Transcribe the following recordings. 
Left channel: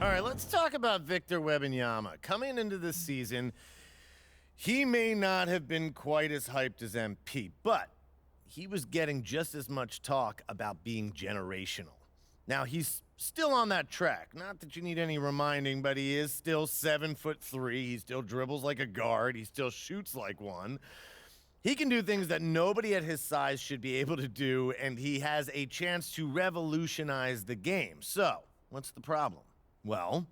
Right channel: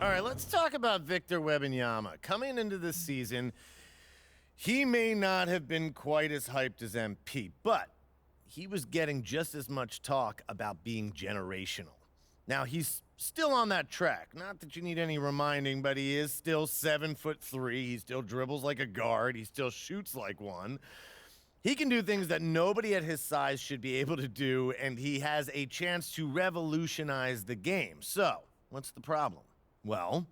All right, let's talk about Victor Wembanyama. Coming into this season, he may not have been quite as hyped as MP, but he was getting just as much talk about being generational. Now, he's still on that track. Not that you need any reminding, but he is still 7'3". He still dribbles like a guard. He still shoots like one. He can do things that nobody at his size should be able to do, and he has a chance to revolutionize the game. So, what's the problem? Well,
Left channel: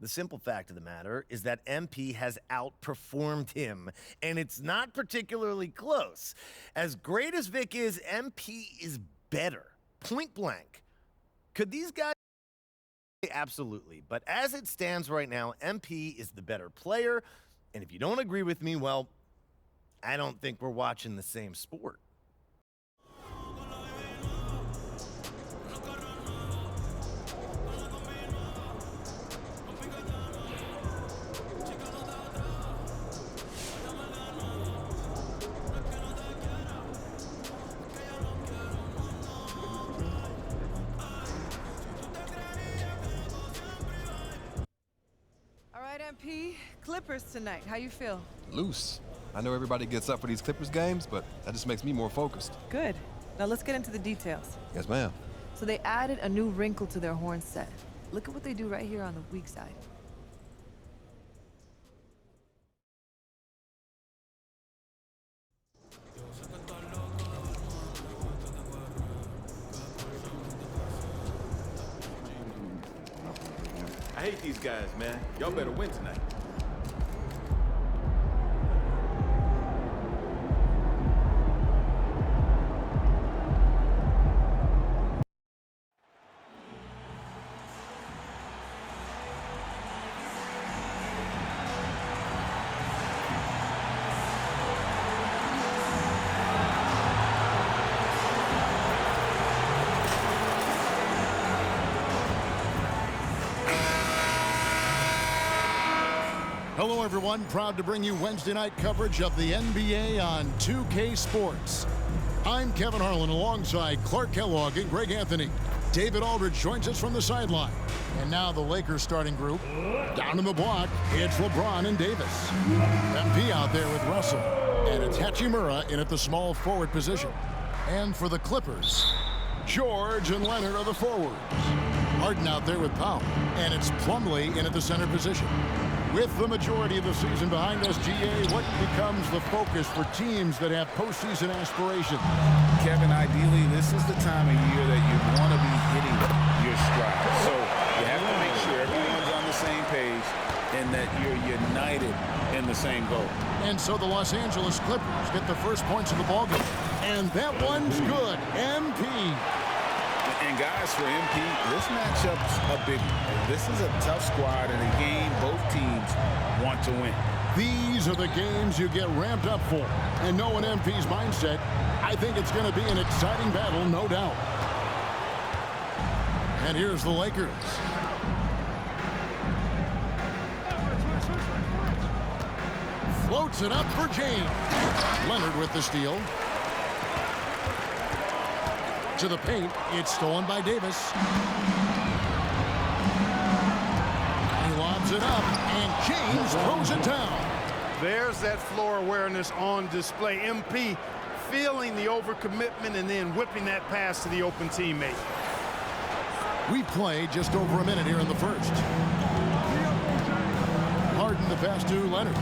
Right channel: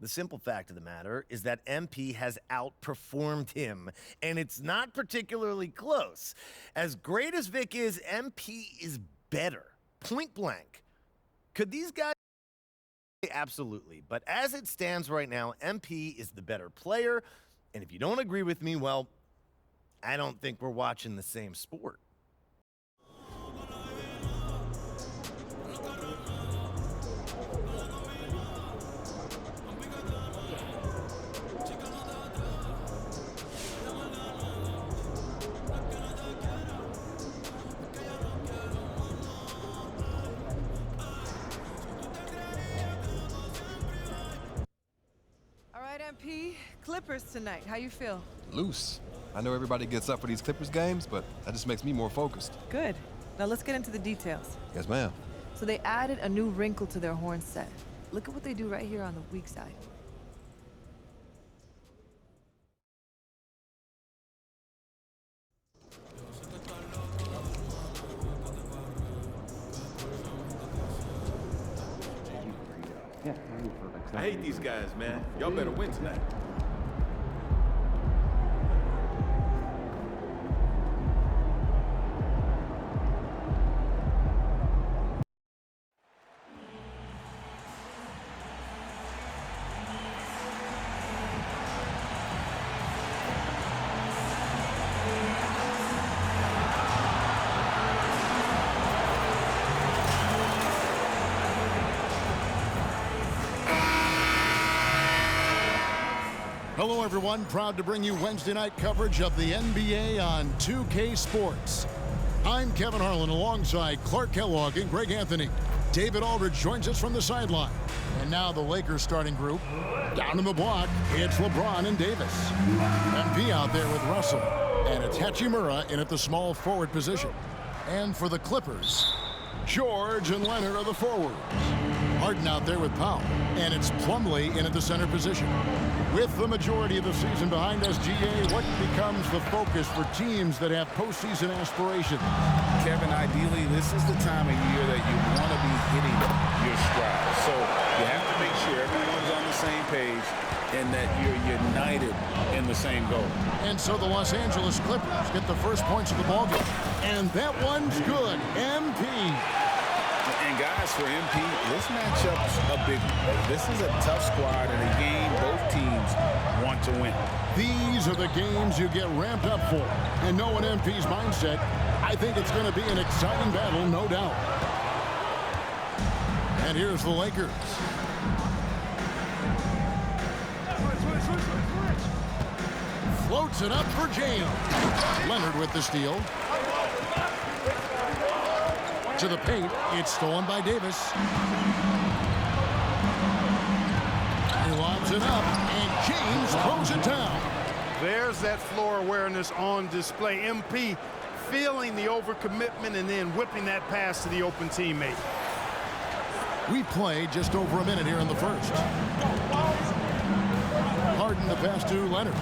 the simple fact of the matter is that MP has outperformed him, and it's not particularly close. As great as Vic is, MP is better. Point blank. Could these guys? Absolutely. But as it stands right now, MP is the better player, and if you don't agree with me, well, I don't think we're watching the same sport. MP, Clippers tonight. How you feel? Loose. I know everybody gets up for these Clippers games, but that just makes me more focused. Good. Now let's get into the details. Yes, ma'am. So they added a new wrinkle to their horn set. Look at what they do right here on the weak side. I hate these guys, man. Y'all better win tonight. Hello, everyone. Proud to bring you Wednesday night coverage of the NBA on 2K Sports. I'm Kevin Harlan alongside Clark Kellogg and Greg Anthony. David Aldridge joins us from the sideline. And now the Lakers starting group. Down in the block, it's LeBron and Davis. MP out there with Russell. And it's Hachimura in at the small forward position. And for the Clippers, George and Leonard are the forwards. Harden out there with Powell. And it's Plumlee in at the center position. With the majority of the season behind us, GA, what becomes the focus for teams that have postseason aspirations? Kevin, ideally, this is the time of year that you want to be hitting your stride. So you have to make sure everyone's on the same page and that you're united in the same goal. And so the Los Angeles Clippers get the first points of the ballgame. And that one's good. MP. And guys, for MP, this matchup's a big one. This is a tough squad and a game both teams want to win. These are the games you get ramped up for. And knowing MP's mindset, I think it's going to be an exciting battle, no doubt. And here's the Lakers. Floats it up for James. Leonard with the steal. To the paint, it's stolen by Davis. He lobs it up, and James throws it down. There's that floor awareness on display. MP feeling the overcommitment and then whipping that pass to the open teammate. We play just over a minute here in the first. Harden the pass to Leonard.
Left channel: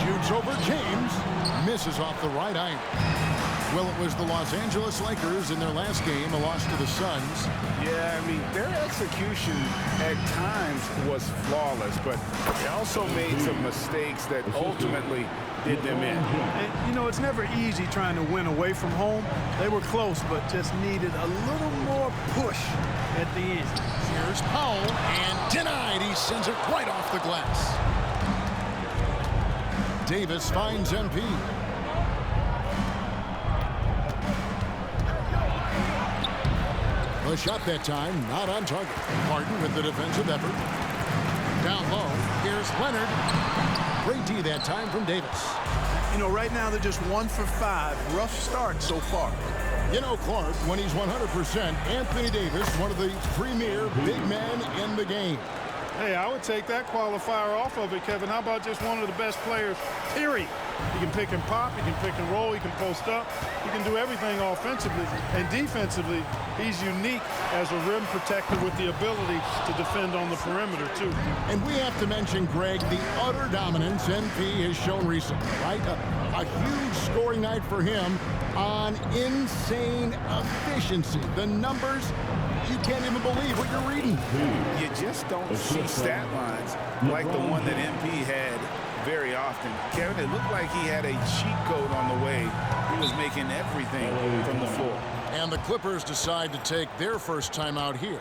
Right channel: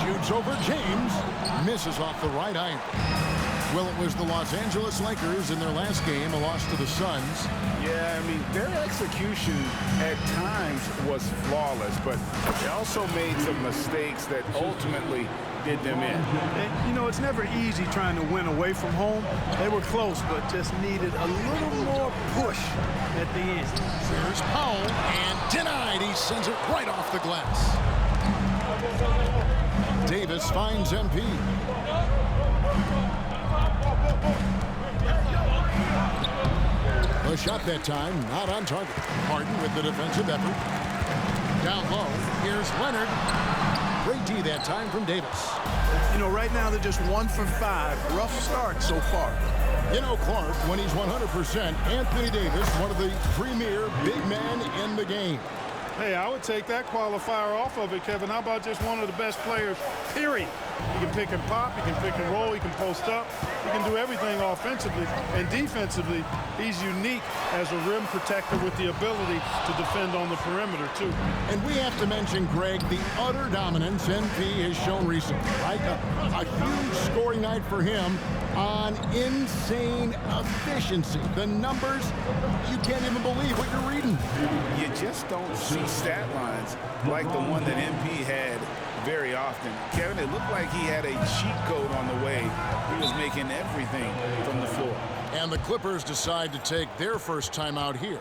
Shoots over James, misses off the right iron. Well, it was the Los Angeles Lakers in their last game, a loss to the Suns. Yeah, I mean, their execution at times was flawless, but they also made some mistakes that ultimately did them in. And, you know, it's never easy trying to win away from home. They were close, but just needed a little more push at the end. Here's Powell, and denied. He sends it right off the glass. Davis finds MP. The shot that time, not on target. Harden with the defensive effort. Down low, here's Leonard. Great D that time from Davis. You know, right now they're just 1 for 5. Rough start so far. You know, Clark, when he's 100%, Anthony Davis, one of the premier big men in the game. Hey, I would take that qualifier off of it, Kevin. How about just one of the best players, period? He can pick and pop, he can pick and roll, he can post up, he can do everything offensively. And defensively, he's unique as a rim protector with the ability to defend on the perimeter, too. And we have to mention, Greg, the utter dominance NP has shown recently, right? A huge scoring night for him on insane efficiency. The numbers, you can't even believe what you're reading. You just don't see stat lines like the one that MP had very often. Kevin, it looked like he had a cheat code on the way. He was making everything from the floor. And the Clippers decide to take their first time out here.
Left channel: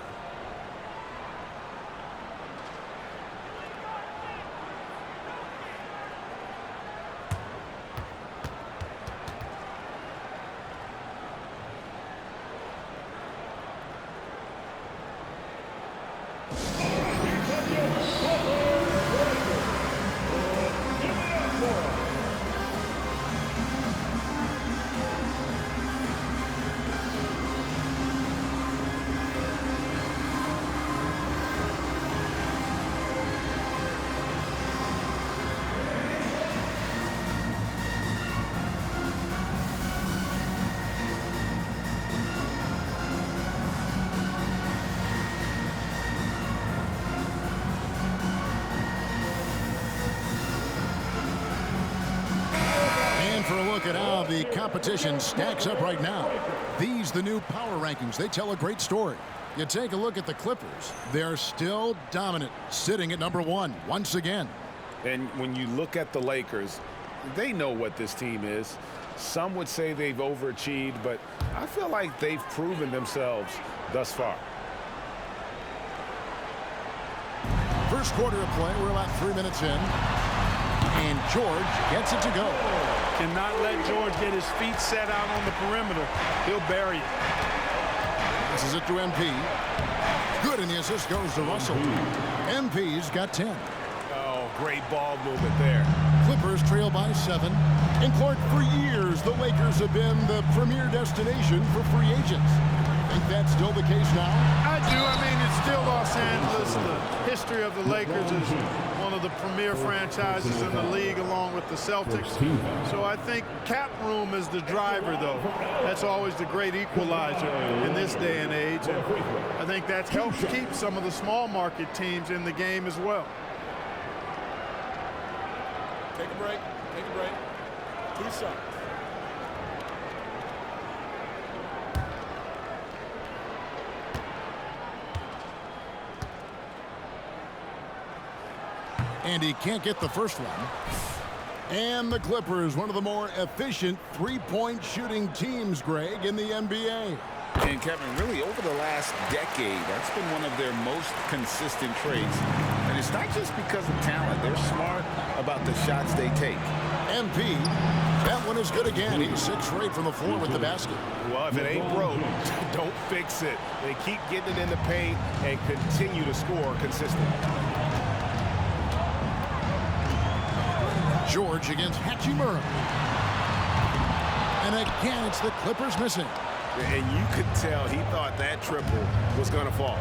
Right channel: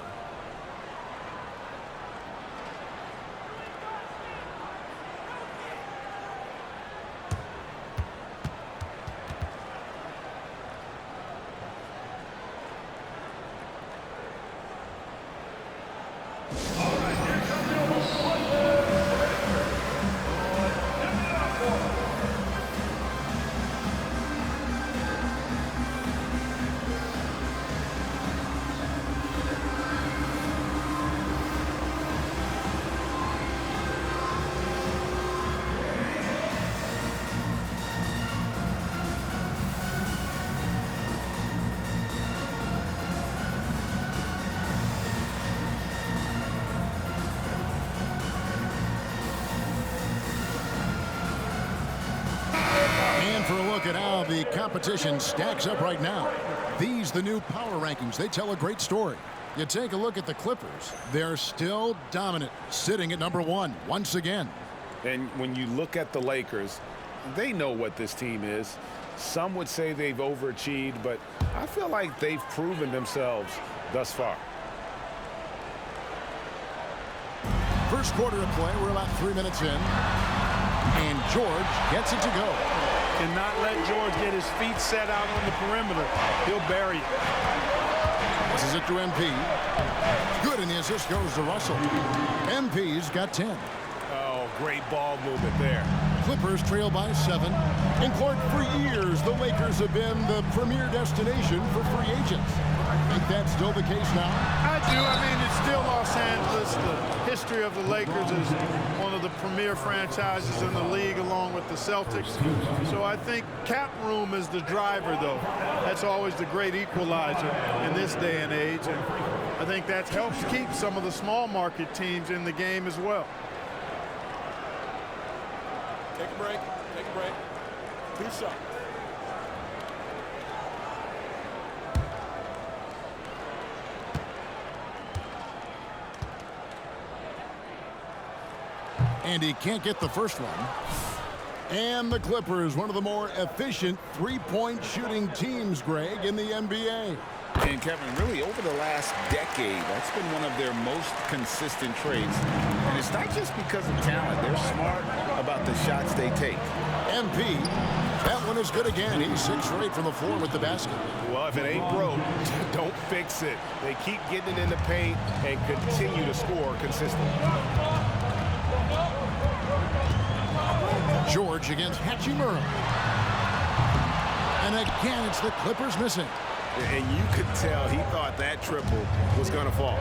For a look at how the competition stacks up right now. These, the new power rankings, they tell a great story. You take a look at the Clippers, they're still dominant, sitting at number 1 once again. And when you look at the Lakers, they know what this team is. Some would say they've overachieved, but I feel like they've proven themselves thus far. First quarter of play, we're about 3 minutes in. And George gets it to go. Cannot let George get his feet set out on the perimeter. He'll bury it. Passes it to MP. Good, and the assist goes to Russell. MP's got 10. Oh, great ball movement there. Clippers trail by 7. And Clark, for years, the Lakers have been the premier destination for free agents. Think that's still the case now? I do. I mean, it's still Los Angeles. The history of the Lakers is one of the premier franchises in the league, along with the Celtics. So I think cap room is the driver, though. That's always the great equalizer in this day and age. And I think that helps keep some of the small market teams in the game as well. Take a break. Take a break. 2 shots. And he can't get the first one. And the Clippers, one of the more efficient three-point shooting teams, Greg, in the NBA. And Kevin, really over the last decade, that's been one of their most consistent traits. And it's not just because of talent. They're smart about the shots they take. MP, that one is good again. He's 6 for 8 from the floor with the basket. Well, if it ain't broke, don't fix it. They keep getting it in the paint and continue to score consistently. George against Hachimura. And again, it's the Clippers missing. And you could tell he thought that triple was going to fall.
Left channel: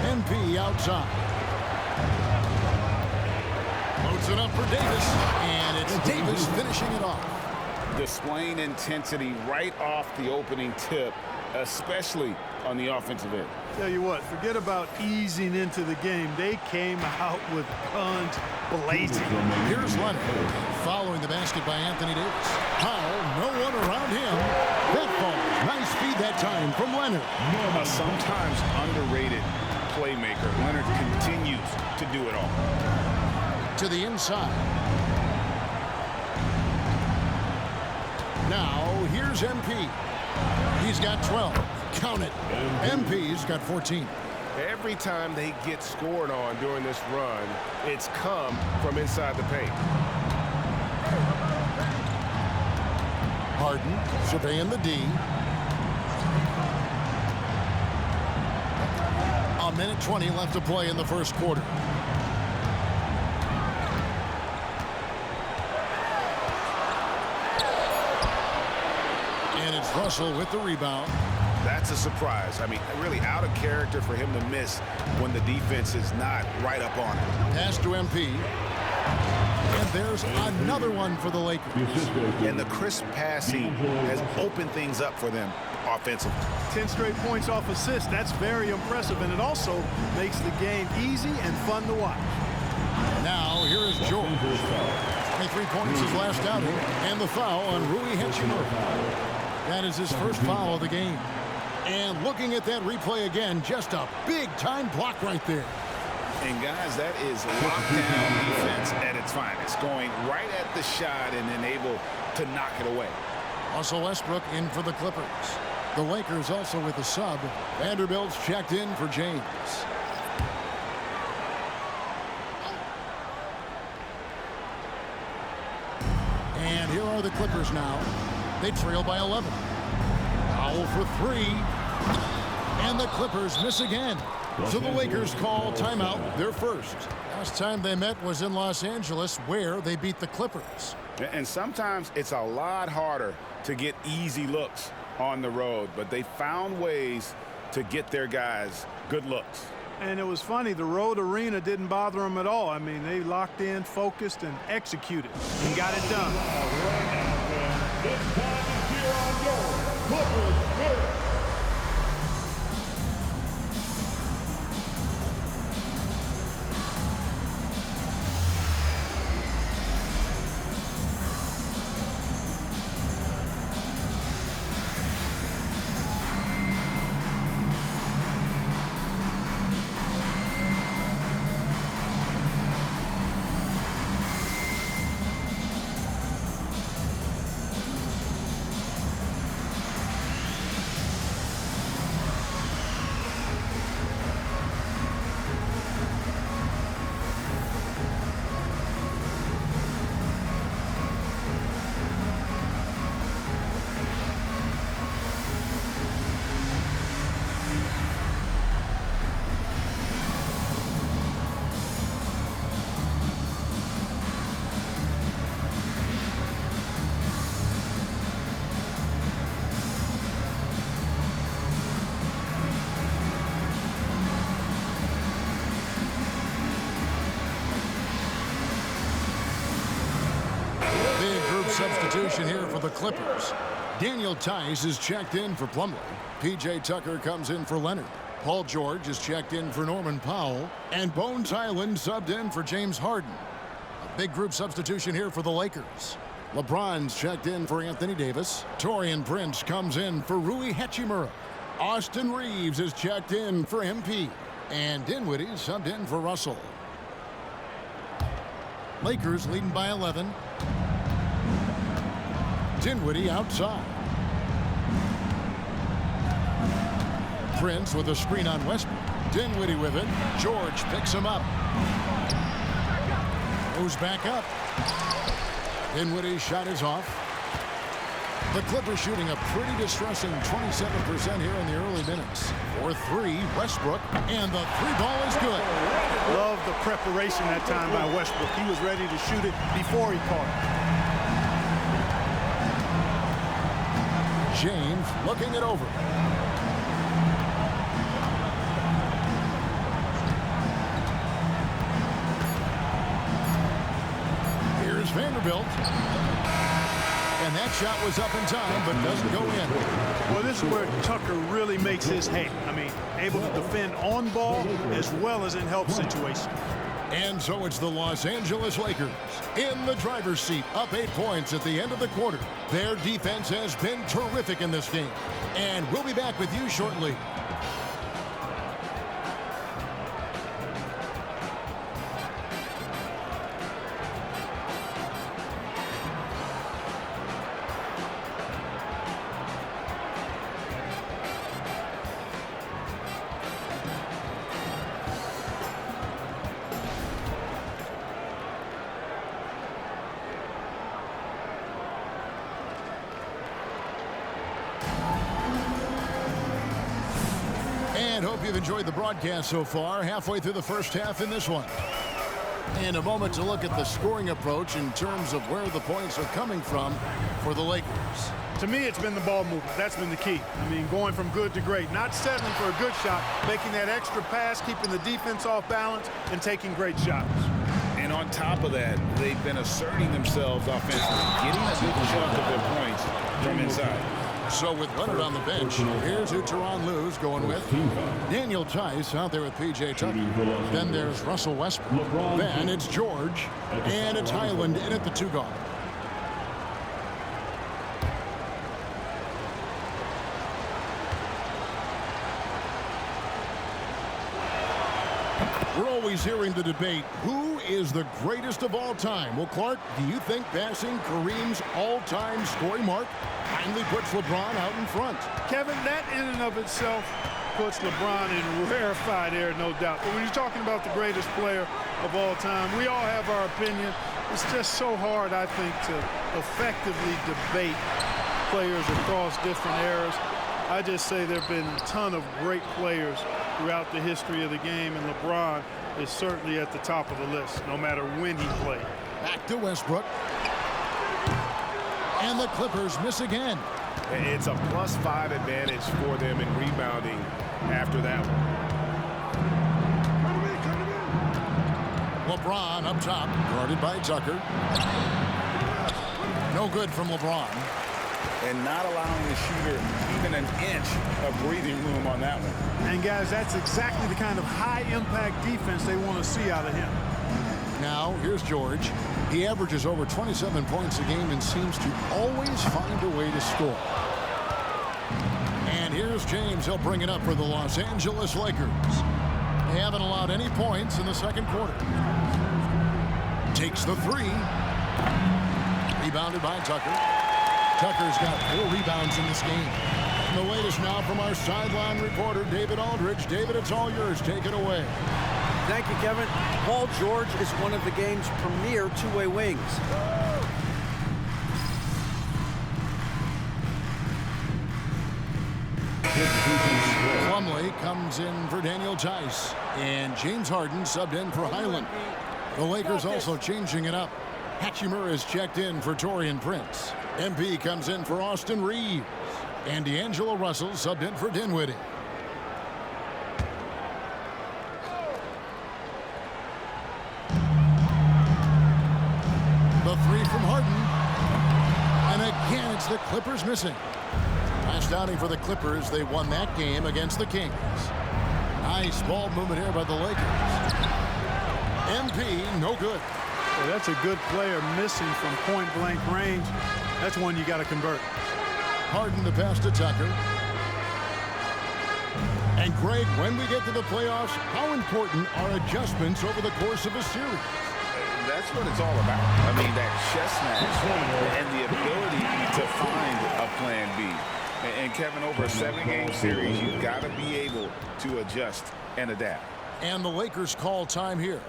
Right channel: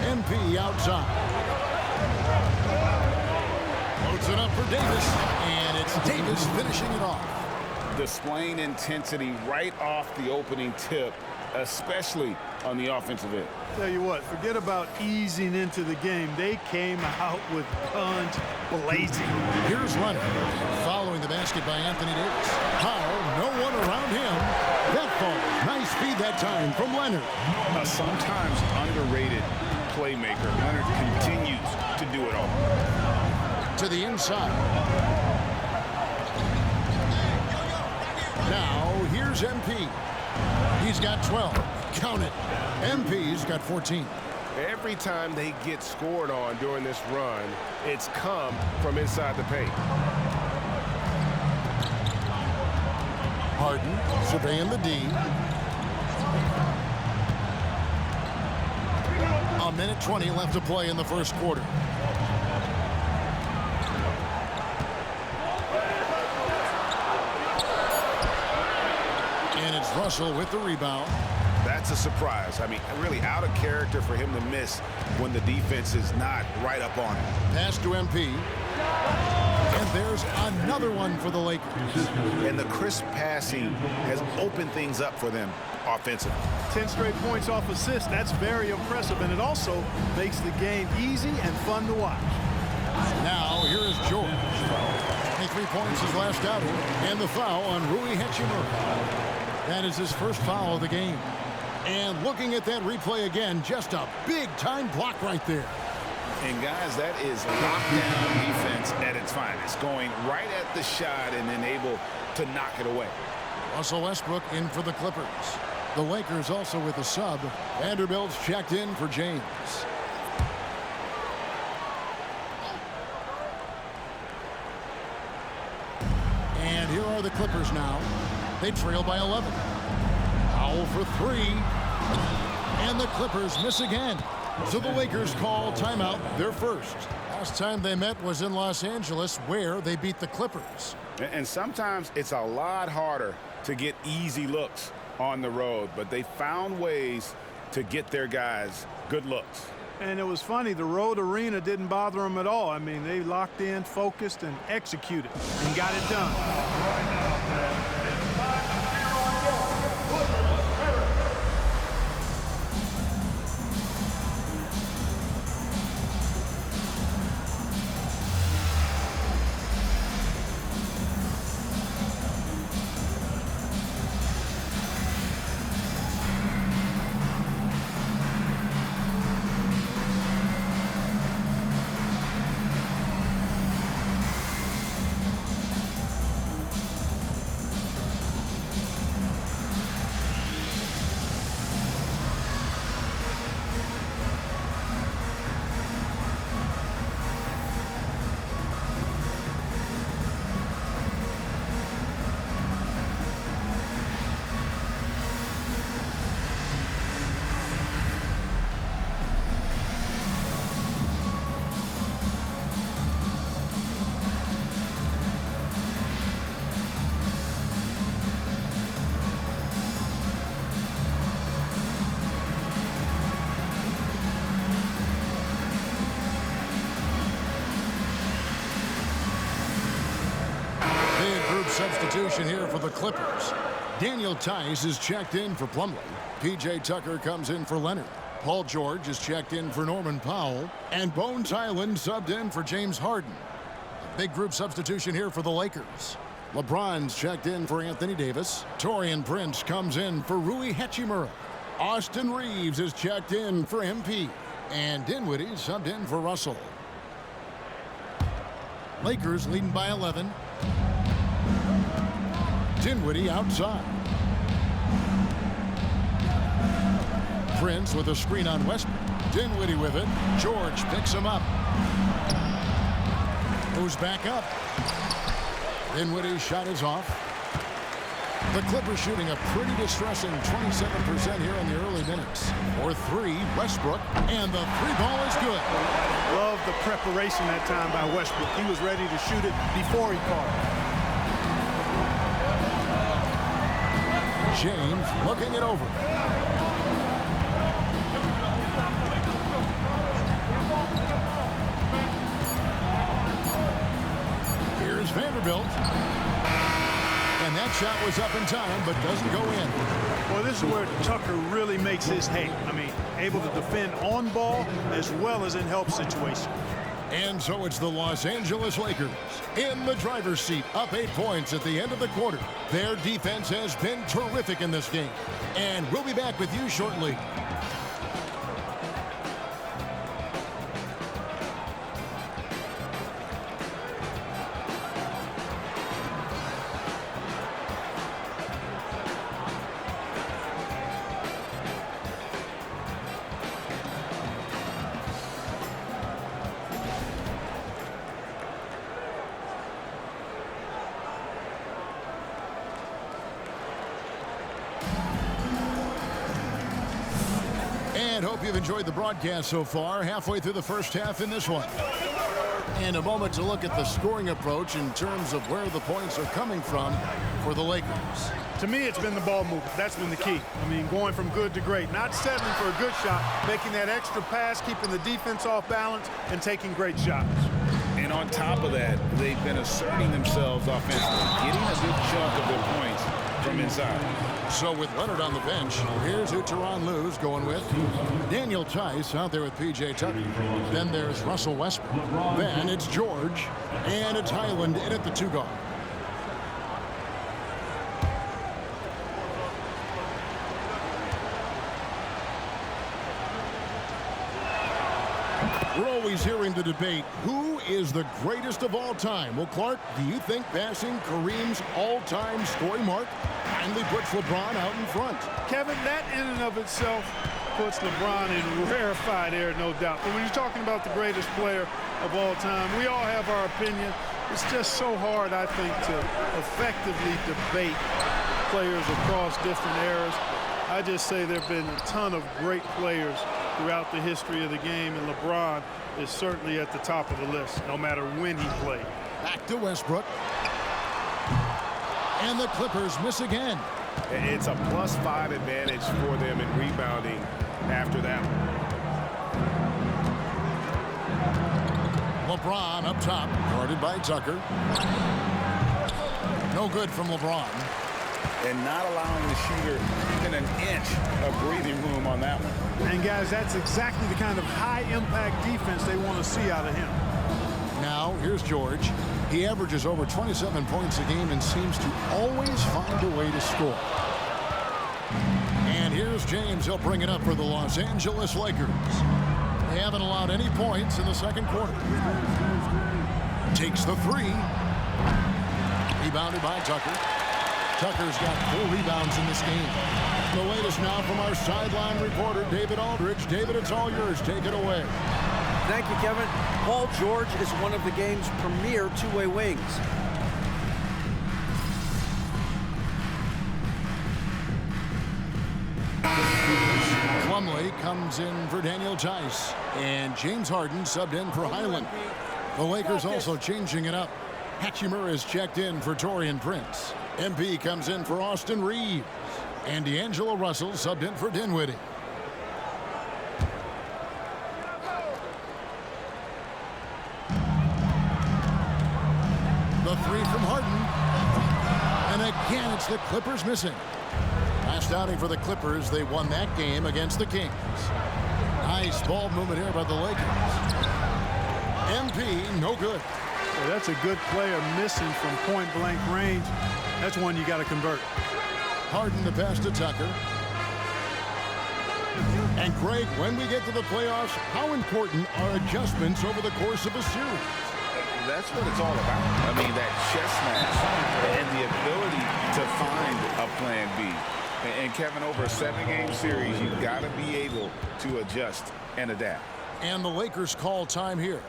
MP outside. Loads it up for Davis. And it's Davis finishing it off. Displaying intensity right off the opening tip, especially on the offensive end. Tell you what, forget about easing into the game. They came out with guns blazing. Here's Leonard, following the basket by Anthony Davis. Powell, no one around him. That falls. Nice feed that time from Leonard. A sometimes underrated playmaker. Leonard continues to do it all. To the inside. Now, here's MP. He's got 12. Count it. MP's got 14. Every time they get scored on during this run, it's come from inside the paint. Harden surveying the D. A minute 20 left to play in the first quarter. And it's Russell with the rebound. That's a surprise. I mean, really out of character for him to miss when the defense is not right up on it. Pass to MP. And there's another one for the Lakers. And the crisp passing has opened things up for them offensively. 10 straight points off assist. That's very impressive, and it also makes the game easy and fun to watch. Now, here is George. 23 points his last outing, and the foul on Rui Hachimura. That is his first foul of the game. And looking at that replay again, just a big-time block right there. And, guys, that is lockdown defense at its finest, going right at the shot and then able to knock it away. Russell Westbrook in for the Clippers. The Lakers also with a sub. Vanderbilt's checked in for James. And here are the Clippers now. They trail by 11. Foul for 3. And the Clippers miss again. So the Lakers call timeout, their first. Last time they met was in Los Angeles, where they beat the Clippers. And sometimes it's a lot harder to get easy looks on the road, but they found ways to get their guys good looks. And it was funny, the road arena didn't bother them at all. I mean, they locked in, focused, and executed, and got it done. Big group substitution here for the Clippers. Daniel Tice is checked in for Plumlee. P.J. Tucker comes in for Leonard. Paul George is checked in for Norman Powell. And Bones Highland subbed in for James Harden. A big group substitution here for the Lakers. LeBron's checked in for Anthony Davis. Taurean Prince comes in for Rui Hachimura. Austin Reeves is checked in for MP. And Dinwiddie subbed in for Russell. Lakers leading by 11. Dinwiddie outside. Prince with a screen on Westbrook. Dinwiddie with it. George picks him up. Goes back up. Dinwiddie's shot is off. The Clippers shooting a pretty distressing 27% here in the early minutes. For 3, Westbrook, and the 3-ball is good. Love the preparation that time by Westbrook. He was ready to shoot it before he caught it. James looking it over. Here's Vanderbilt. And that shot was up in time, but doesn't go in. Well, this is where Tucker really makes his hay. I mean, able to defend on ball as well as in help situations. And so it's the Los Angeles Lakers in the driver's seat, up 8 points at the end of the quarter. Their defense has been terrific in this game. And we'll be back with you shortly. And hope you've enjoyed the broadcast so far, halfway through the first half in this one. And a moment to look at the scoring approach in terms of where the points are coming from for the Lakers. To me, it's been the ball movement. That's been the key. I mean, going from good to great, not settling for a good shot, making that extra pass, keeping the defense off balance, and taking great shots. And on top of that, they've been asserting themselves offensively, getting a good chunk of their points from inside. So with Leonard on the bench, here's who Tyronn Lue's going with. Daniel Tice out there with P.J. Tucker. Then there's Russell Westbrook. Then it's George. And it's Highland in at the 2 guard. We're always hearing the debate, who is the greatest of all time? Well, Clark, do you think passing Kareem's all-time scoring mark finally puts LeBron out in front? Kevin, that in and of itself puts LeBron in rarefied air, no doubt. But when you're talking about the greatest player of all time, we all have our opinion. It's just so hard, I think, to effectively debate players across different eras. I just say there have been a ton of great players throughout the history of the game, and LeBron is certainly at the top of the list, no matter when he played. Back to Westbrook. And the Clippers miss again. It's a +5 advantage for them in rebounding after that one. LeBron up top, guarded by Tucker. No good from LeBron. And not allowing the shooter even an inch of breathing room on that one. And guys, that's exactly the kind of high-impact defense they want to see out of him. Now, here's George. He averages over 27 points a game and seems to always find a way to score. And here's James. He'll bring it up for the Los Angeles Lakers. They haven't allowed any points in the second quarter. Takes the 3. Rebounded by Tucker. Tucker's got 4 rebounds in this game. And the latest now from our sideline reporter, David Aldridge. David, it's all yours. Take it away. Thank you, Kevin. Paul George is one of the game's premier two-way wings. Plumlee comes in for Daniel Tice. And James Harden subbed in for Highland. The Lakers also changing it up. Hachimura is checked in for Taurean Prince. MP comes in for Austin Reeves. And D'Angelo Russell subbed in for Dinwiddie. The 3 from Harden. And again, it's the Clippers missing. Last outing for the Clippers, they won that game against the Kings. Nice ball movement here by the Lakers. MP, no good. Well, that's a good player missing from point-blank range. That's one you got to convert. Harden the pass to Tucker. And Greg, when we get to the playoffs, how important are adjustments over the course of a series? That's what it's all about. I mean, that chess match and the ability to find a plan B. And Kevin, over a 7-game series, you've got to be able to adjust and adapt. And the Lakers call time here.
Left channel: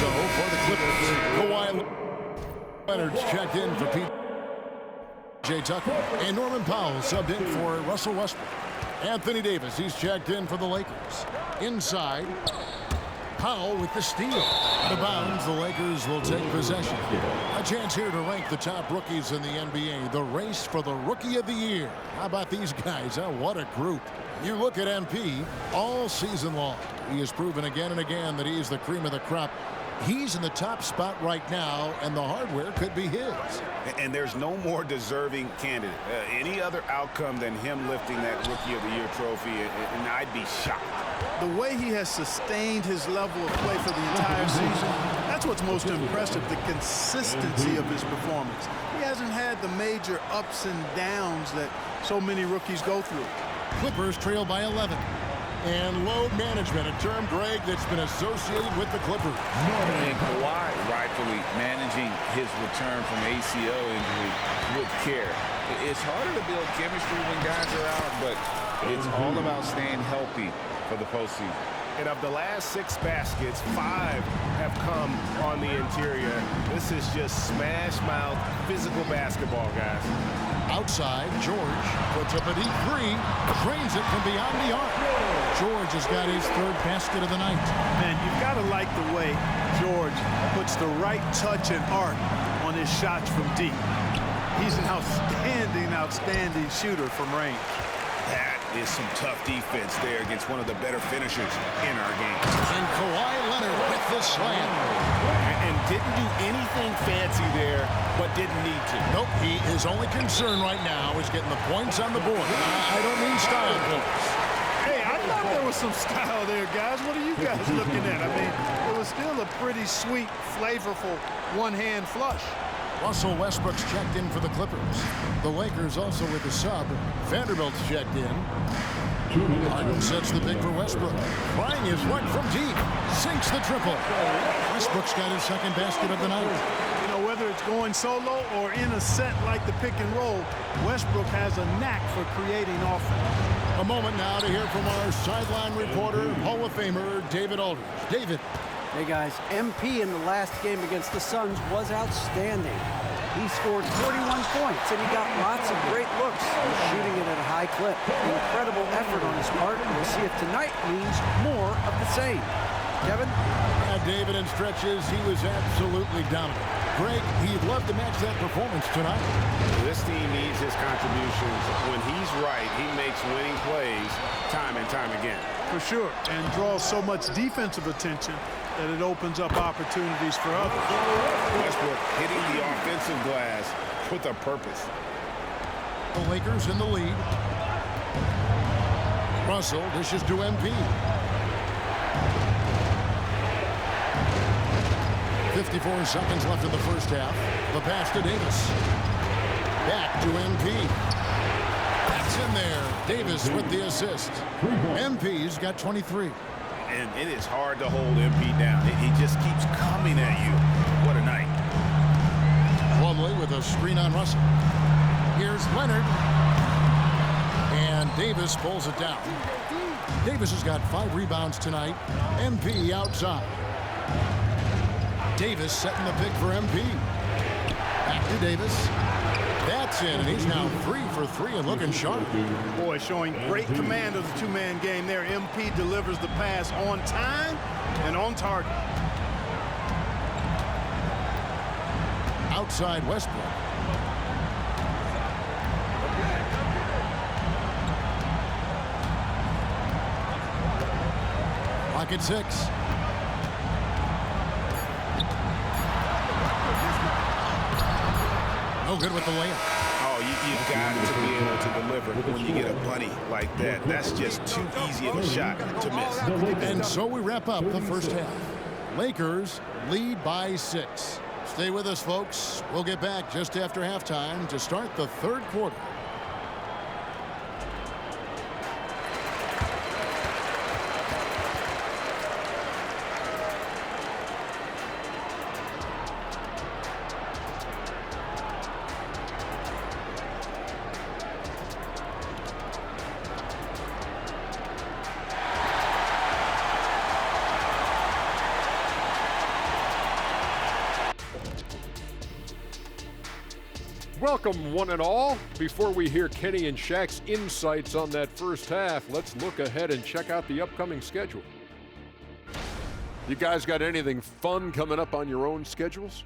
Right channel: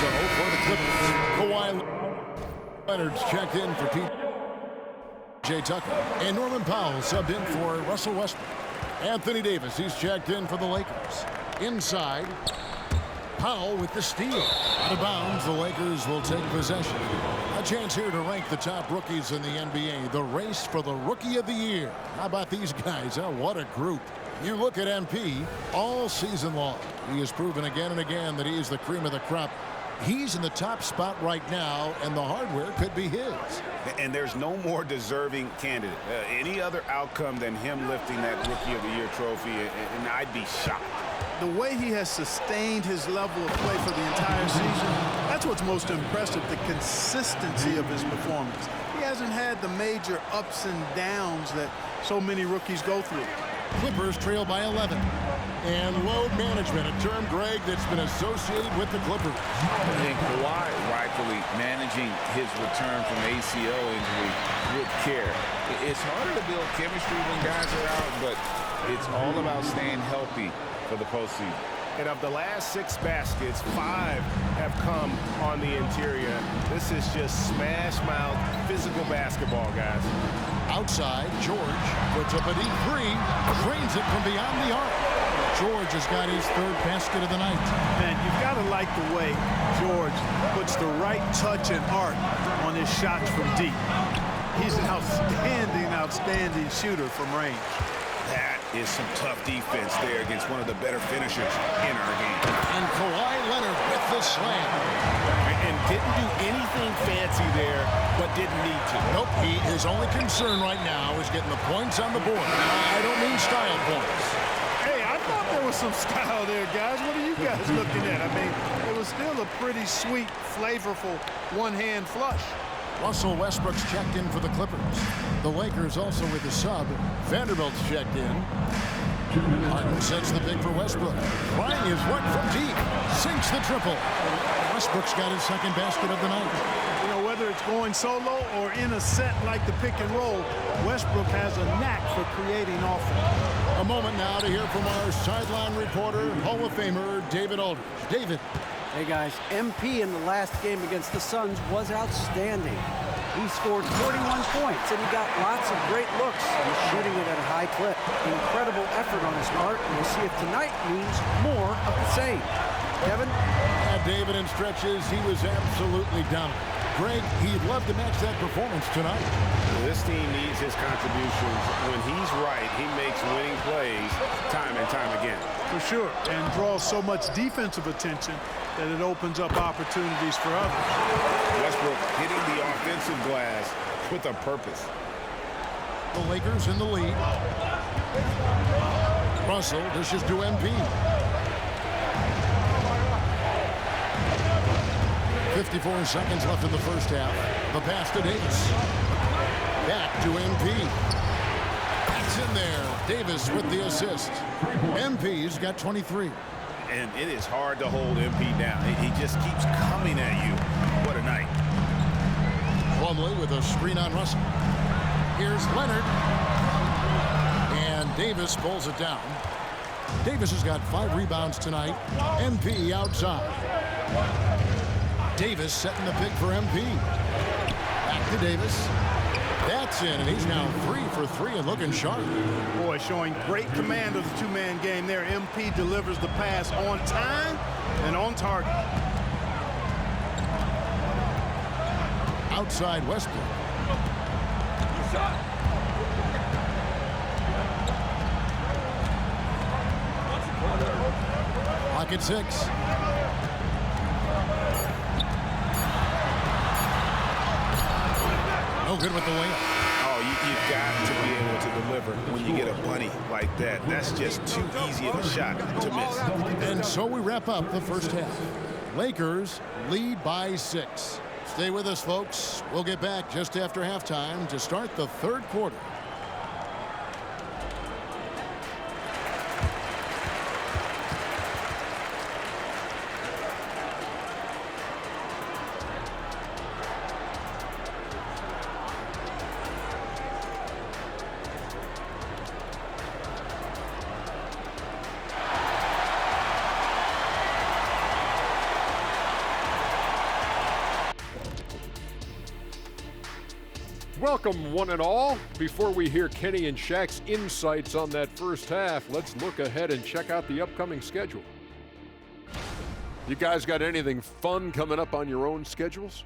So for the Clippers, Kawhi Leonard's checked in for P.J. Tucker. And Norman Powell subbed in for Russell Westbrook. Anthony Davis, he's checked in for the Lakers. Inside, Powell with the steal. Out of bounds, the Lakers will take possession. A chance here to rank the top rookies in the NBA. The race for the Rookie of the Year. How about these guys? Huh? What a group. You look at MP all season long. He has proven again and again that he is the cream of the crop. He's in the top spot right now, and the hardware could be his. And there's no more deserving candidate. Any other outcome than him lifting that Rookie of the Year trophy, and I'd be shocked. The way he has sustained his level of play for the entire season, that's what's most impressive, the consistency of his performance. He hasn't had the major ups and downs that so many rookies go through. Clippers trail by 11. And load management, a term, Greg, that's been associated with the Clippers. And Kawhi rightfully managing his return from ACL injury with care. It's harder to build chemistry when guys are out, but it's all about staying healthy for the postseason. And of the last 6 baskets, 5 have come on the interior. This is just smash mouth physical basketball, guys. Outside, George puts up a deep 3, drains it from beyond the arc. George has got his 3rd basket of the night. Man, you've got to like the way George puts the right touch and arc on his shots from deep. He's an outstanding shooter from range. That is some tough defense there against one of the better finishers in our game. And Kawhi Leonard with the slam. And didn't do anything fancy there, but didn't need to. Nope, his only concern right now is getting the points on the board. I don't mean style points. Hey, I thought there was some style there, guys. What are you guys looking at? I mean, it was still a pretty sweet, flavorful one-hand flush. Russell Westbrook's checked in for the Clippers. The Lakers also with a sub. Vanderbilt's checked in. Harden sets the big for Westbrook. Trying his luck from deep. Sinks the triple. Westbrook's got his 2nd basket of the night. You know, whether it's going solo or in a set like the pick and roll, Westbrook has a knack for creating offense. A moment now to hear from our sideline reporter, Hall of Famer David Aldridge. David. Hey guys, MP in the last game against the Suns was outstanding. He scored 41 points and he got lots of great looks. He's shooting it at a high clip. Incredible effort on his part, and we'll see if tonight means more of the same. Kevin? Yeah, David, in stretches, he was absolutely dominant. Greg, he'd love to match that performance tonight. This team needs his contributions. When he's right, he makes winning plays time and time again. For sure, and draws so much defensive attention that it opens up opportunities for others. Westbrook hitting the offensive glass with a purpose. The Lakers in the lead. Russell dishes to MP. 54 seconds left in the first half. The pass to Davis. Back to MP. That's in there. Davis with the assist. MP's got 23. And it is hard to hold MP down. He just keeps coming at you. What a night. Plumlee with a screen on Russell. Here's Leonard. And Davis pulls it down. Davis has got 5 rebounds tonight. MP outside. Davis setting the pick for MP. Back to Davis. That's in, and he's now 3 for 3 and looking sharp. Boy, showing great command of the 2-man game there. MP delivers the pass on time and on target. Outside Westbrook. Clock at 6. No good with the layup. Oh, you've got to be able to deliver when you get a bunny like that. That's just too easy of a shot to miss. And so we wrap up the first half. Lakers lead by 6. Stay with us, folks. We'll get back just after halftime to start the 3rd quarter. Welcome, one and all. Before we hear Kenny and Shaq's insights on that first half, let's look ahead and check out the upcoming schedule. You guys got anything fun coming up on your own schedules?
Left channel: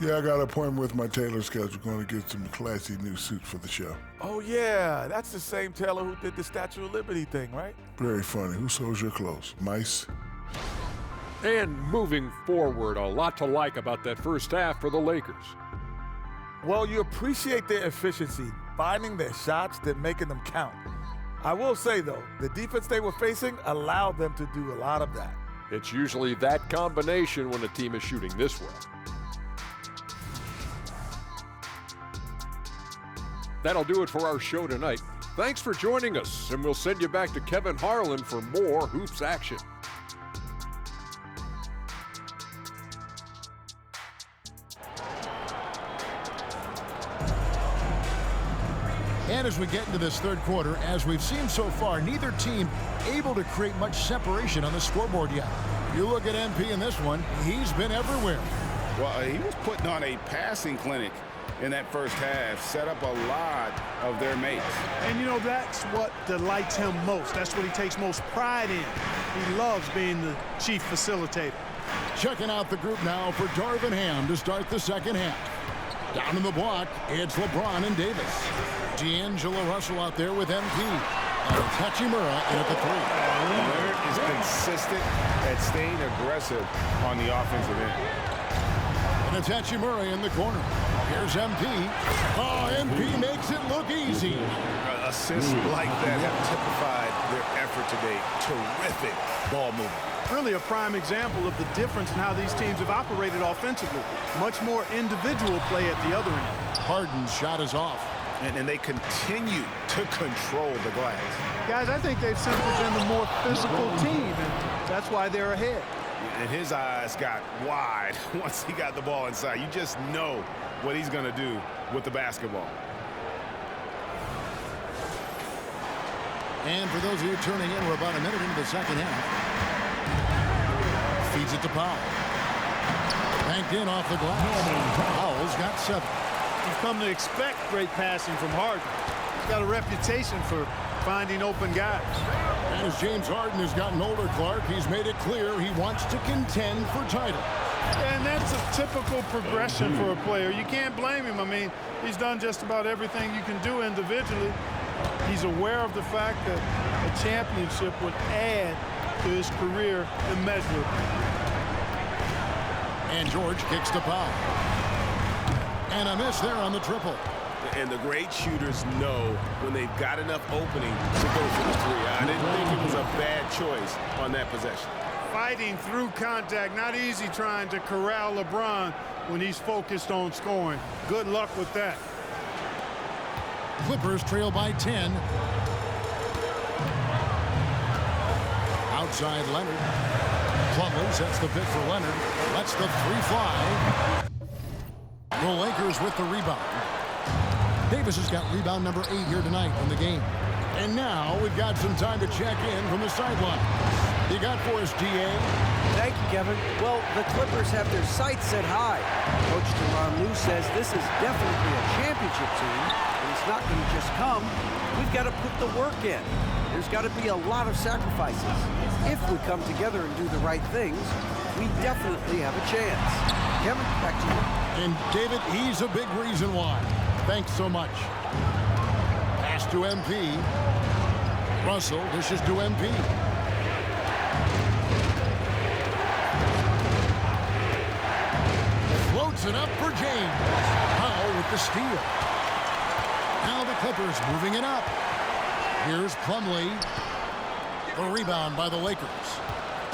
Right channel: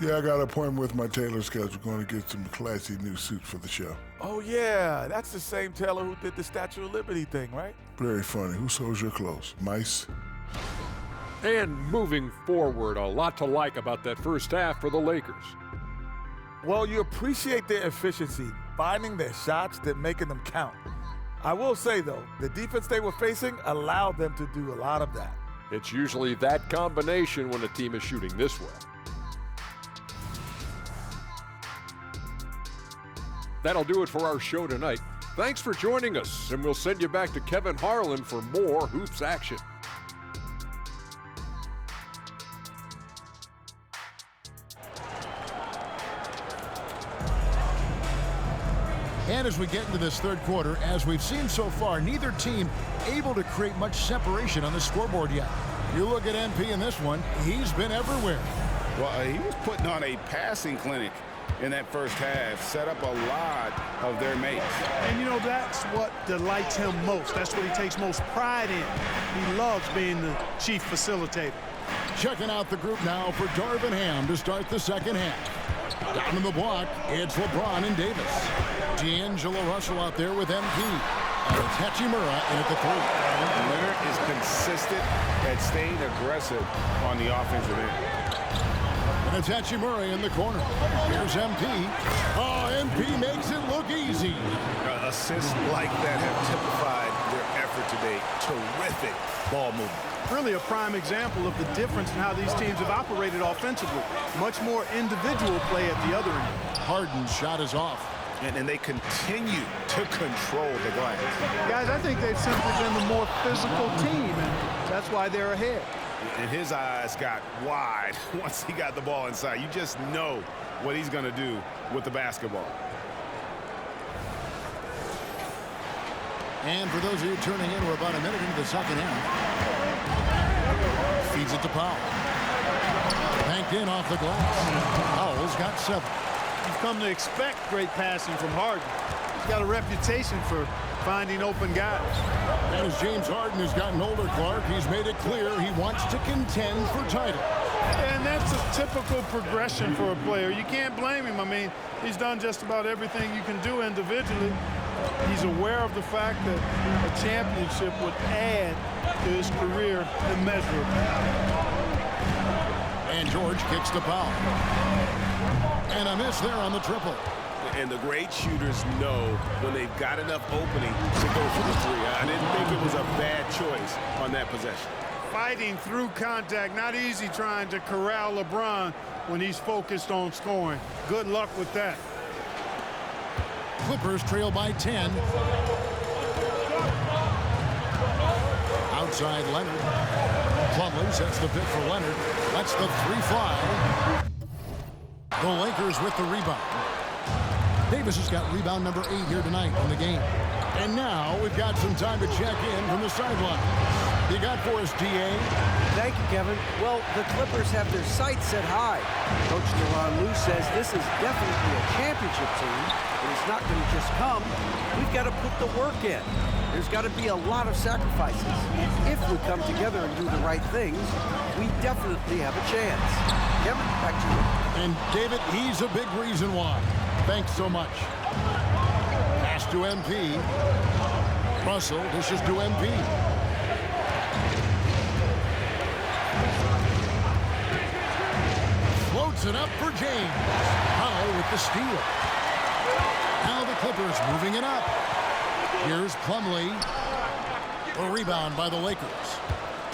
Yeah, I got an appointment with my tailor schedule, going to get some classy new suits for the show. Oh, yeah, that's the same tailor who did the Statue of Liberty thing, right? Very funny. Who sews your clothes? Mice? And moving forward, a lot to like about that first half for the Lakers. Well, you appreciate their efficiency, finding their shots, then making them count. I will say, though, the defense they were facing allowed them to do a lot of that. It's usually that combination when a team is shooting this well. That'll do it for our show tonight. Thanks for joining us, and we'll send you back to Kevin Harlan for more Hoops action. And as we get into this third quarter, as we've seen so far, neither team able to create much separation on the scoreboard yet. You look at MP in this one, he's been everywhere. Well, he was putting on a passing clinic in that first half, set up a lot of their mates. And, you know, that's what delights him most. That's what he takes most pride in. He loves being the chief facilitator. Checking out the group now for Darvin Ham to start the second half. Down in the block, it's LeBron and Davis. D'Angelo Russell out there with MP. And it's Hachimura in at the three. Leonard is consistent at staying aggressive on the offensive end. And it's Hachimura in the corner. Here's MP. Oh, MP makes it look easy. Assists like that have typified their effort today. Terrific ball movement. Really a prime example of the difference in how these teams have operated offensively. Much more individual play at the other end. Harden's shot is off. And they continue to control the glass. Guys, I think they've simply been the more physical team, and that's why they're ahead. And his eyes got wide once he got the ball inside. You just know what he's going to do with the basketball. And for those of you tuning in, we're about a minute into the second half. Feeds it to Powell. Banked in off the glass. Powell's got 7. You've come to expect great passing from Harden. He's got a reputation for finding open guys. And as James Harden has gotten older, Clark, he's made it clear he wants to contend for title. And that's a typical progression for a player. You can't blame him. I mean, he's done just about everything you can do individually. He's aware of the fact that a championship would add to his career immeasurably. And George kicks to Powell. And a miss there on the triple. And the great shooters know when they've got enough opening to go for the three. I didn't think it was a bad choice on that possession. Fighting through contact, not easy trying to corral LeBron when he's focused on scoring. Good luck with that. Clippers trail by 10. Outside Leonard. Plumlee sets the pick for Leonard. Lets the three fly. The Lakers with the rebound. Davis has got rebound number 8 here tonight in the game. And now we've got some time to check in from the sideline. You got for us, DA? Thank you, Kevin. Well, the Clippers have their sights set high. Coach Tyronn Lue says this is definitely a championship team, but it's not going to just come. We've got to put the work in. There's got to be a lot of sacrifices. If we come together and do the right things, we definitely have a chance. Kevin, back to you. And David, he's a big reason why. Thanks so much. Pass to MP. Russell dishes to MP. Floats it up for James. Powell with the steal. Now the Clippers moving it up. Here's Plumlee. A rebound by the Lakers.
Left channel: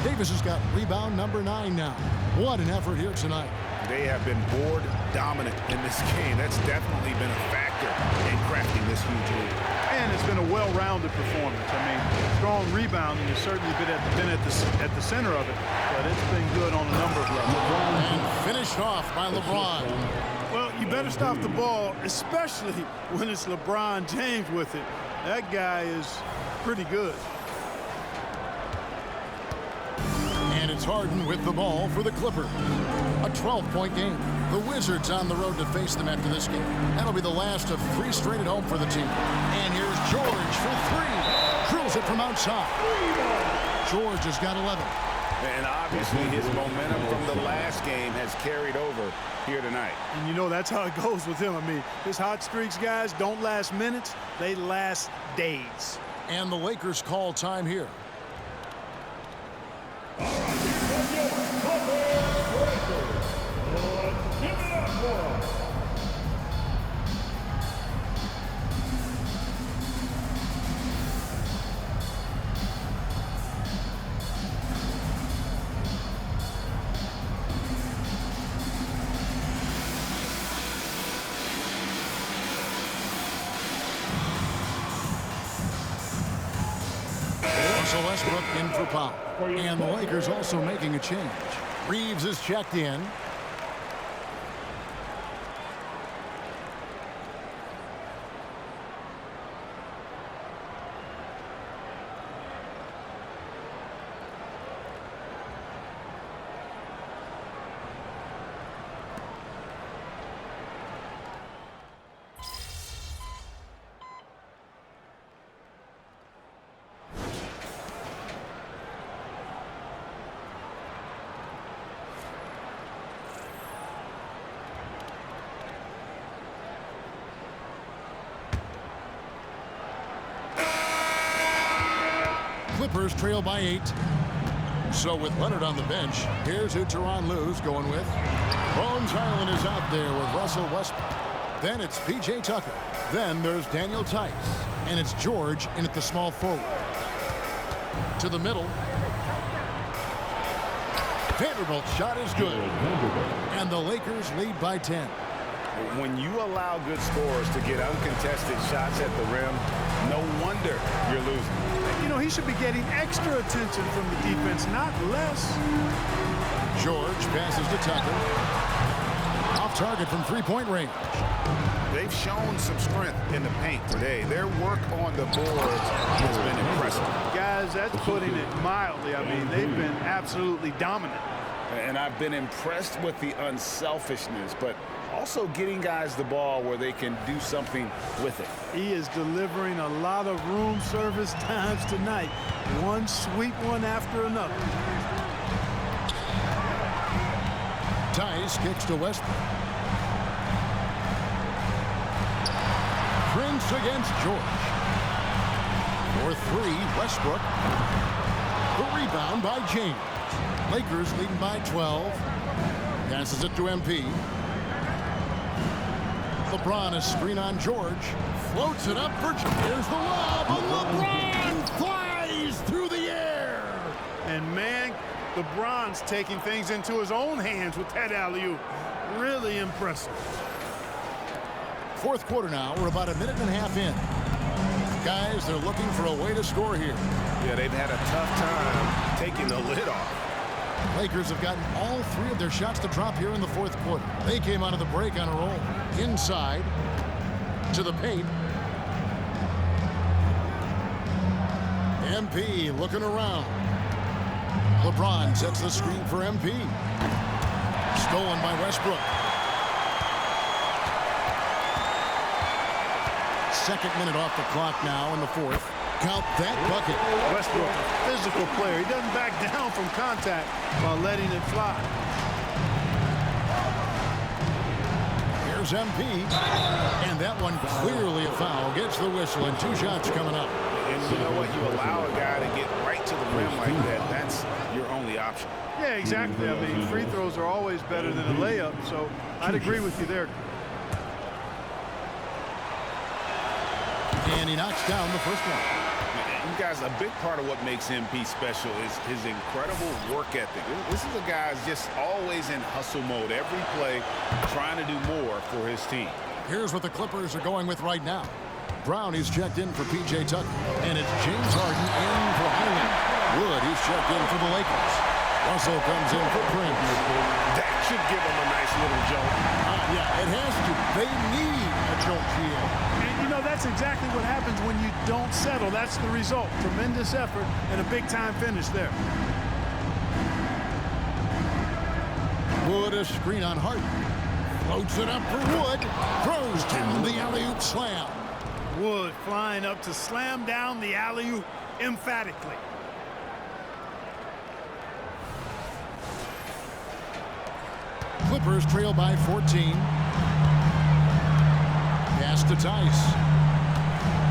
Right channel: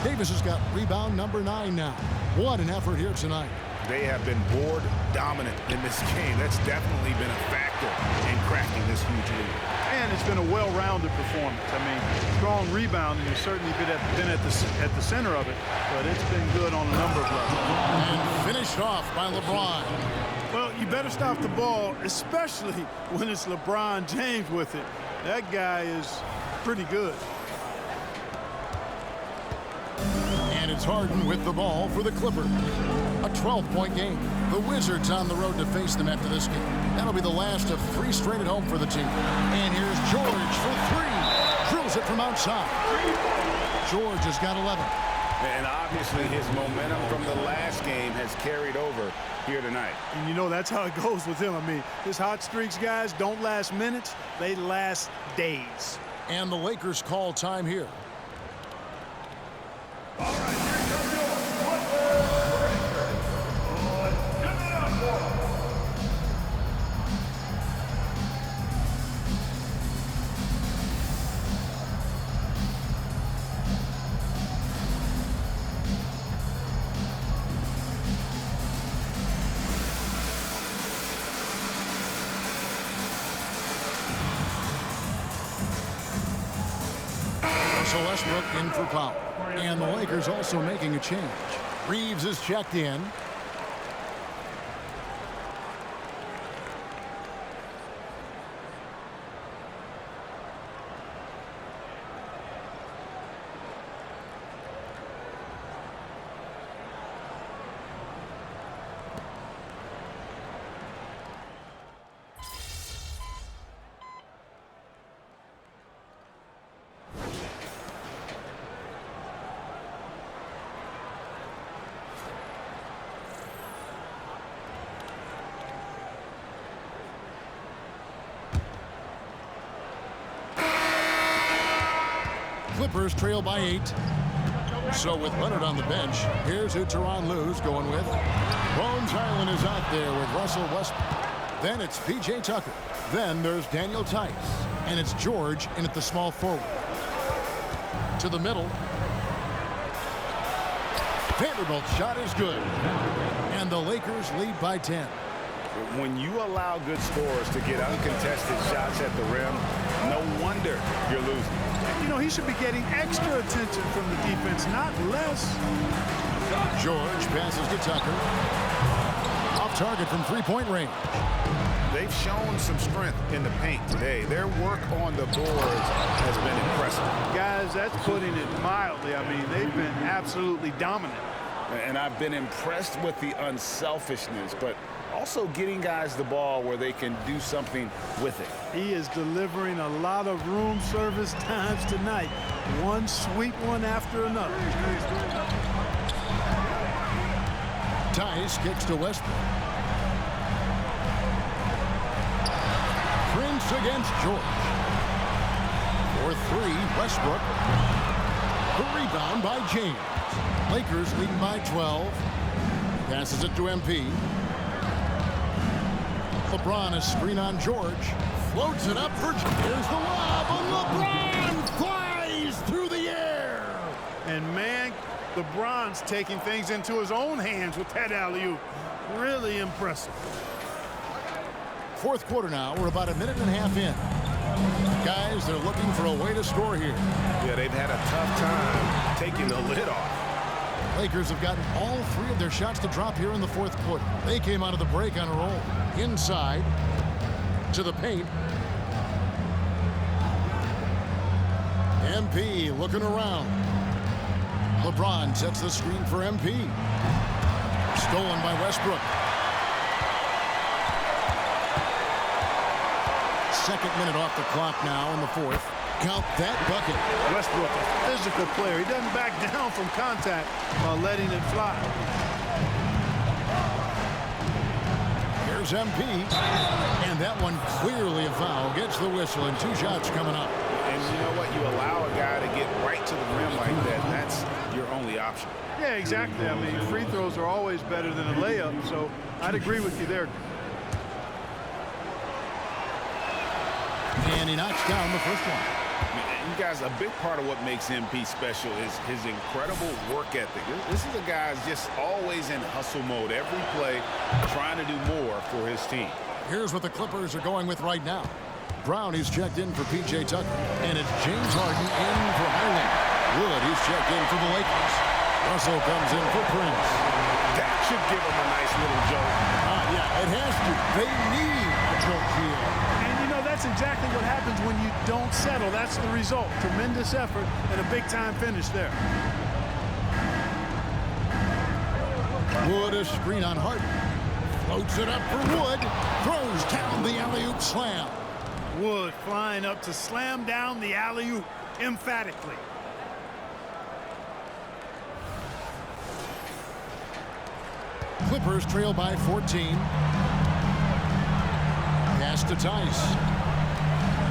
Davis has got rebound number 9 now. What an effort here tonight. They have been board dominant in this game. That's definitely been a factor in crafting this huge lead. And it's been a well-rounded performance. I mean, strong rebounding has certainly been at the center of it, but it's been good on a number of levels. And finished off by LeBron. Well, you better stop the ball, especially when it's LeBron James with it. That guy is pretty good. And it's Harden with the ball for the Clippers. A 12-point game. The Wizards on the road to face them after this game. That'll be the last of 3 straight at home for the team. And here's George for 3. Drills it from outside. George has got 11. And obviously his momentum from the last game has carried over here tonight. And you know that's how it goes with him. I mean, his hot streaks, guys, don't last minutes. They last days. And the Lakers call time here. All right, here comes your Clippers Racers. Let's give it up for them. Russell Westbrook in for Powell. And the Lakers also making a change. Reeves is checked in. Clippers trail by 8. So with Leonard on the bench, here's who Tyronn Lue's going with. Bones Highland is out there with Russell Westbrook. Then it's P.J. Tucker. Then there's Daniel Tice. And it's George in at the small forward. To the middle. Vanderbilt's shot is good. And the Lakers lead by 10. When you allow good scorers to get uncontested shots at the rim, no wonder you're losing. You know, he should be getting extra attention from the defense, not less. George passes to Tucker. Off target from three-point range. They've shown some strength in the paint today. Their work on the boards has been impressive. Guys, that's putting it mildly. I mean, they've been absolutely dominant. And I've been impressed with the unselfishness, but also getting guys the ball where they can do something with it. He is delivering a lot of room service times tonight. One sweet one after another. Tice kicks to Westbrook. Prince against George. For 3, Westbrook. The rebound by James. Lakers leading by 12. Passes it to MP. LeBron is screen on George. Floats it up for... Here's the lob, and LeBron flies through the air. And man, LeBron's taking things into his own hands with that alley-oop. Really impressive. Fourth quarter now. We're about a minute and a half in. Guys, they're looking for a way to score here. Yeah, they've had a tough time taking the lid off. Lakers have gotten all 3 of their shots to drop here in the fourth quarter. They came out of the break on a roll. Inside to the paint. MP looking around. LeBron sets the screen for MP. Stolen by Westbrook. Second minute off the clock now in the fourth. Count that bucket. Westbrook, a physical player. He doesn't back down from contact while letting it fly. Here's MP. And that one clearly a foul. Gets the whistle and 2 shots coming up. And you know what? You allow a guy to get right to the rim like that. That's your only option. Yeah, exactly. I mean, free throws are always better than a layup, so I'd agree with you there. And he knocks down the first one. You guys, a big part of what makes MP special is his incredible work ethic. This is a guy who's just always in hustle mode. Every play trying to do more for his team. Here's what the Clippers are going with right now. Brown, he's checked in for P.J. Tucker. And it's James Harden in for Highland. Wood, he's checked in for the Lakers. Russell comes in for Prince. That should give him a nice little jolt. Yeah, it has to. They need a jolt, GA. And, you know, that's exactly what happens when you don't settle. That's the result. Tremendous effort and a big-time finish there. Wood, a screen on Harden. Floats it up for Wood. Throws down the alley-oop slam. Wood flying up to slam down the alley-oop emphatically. Clippers trail by 14. Pass to Tice.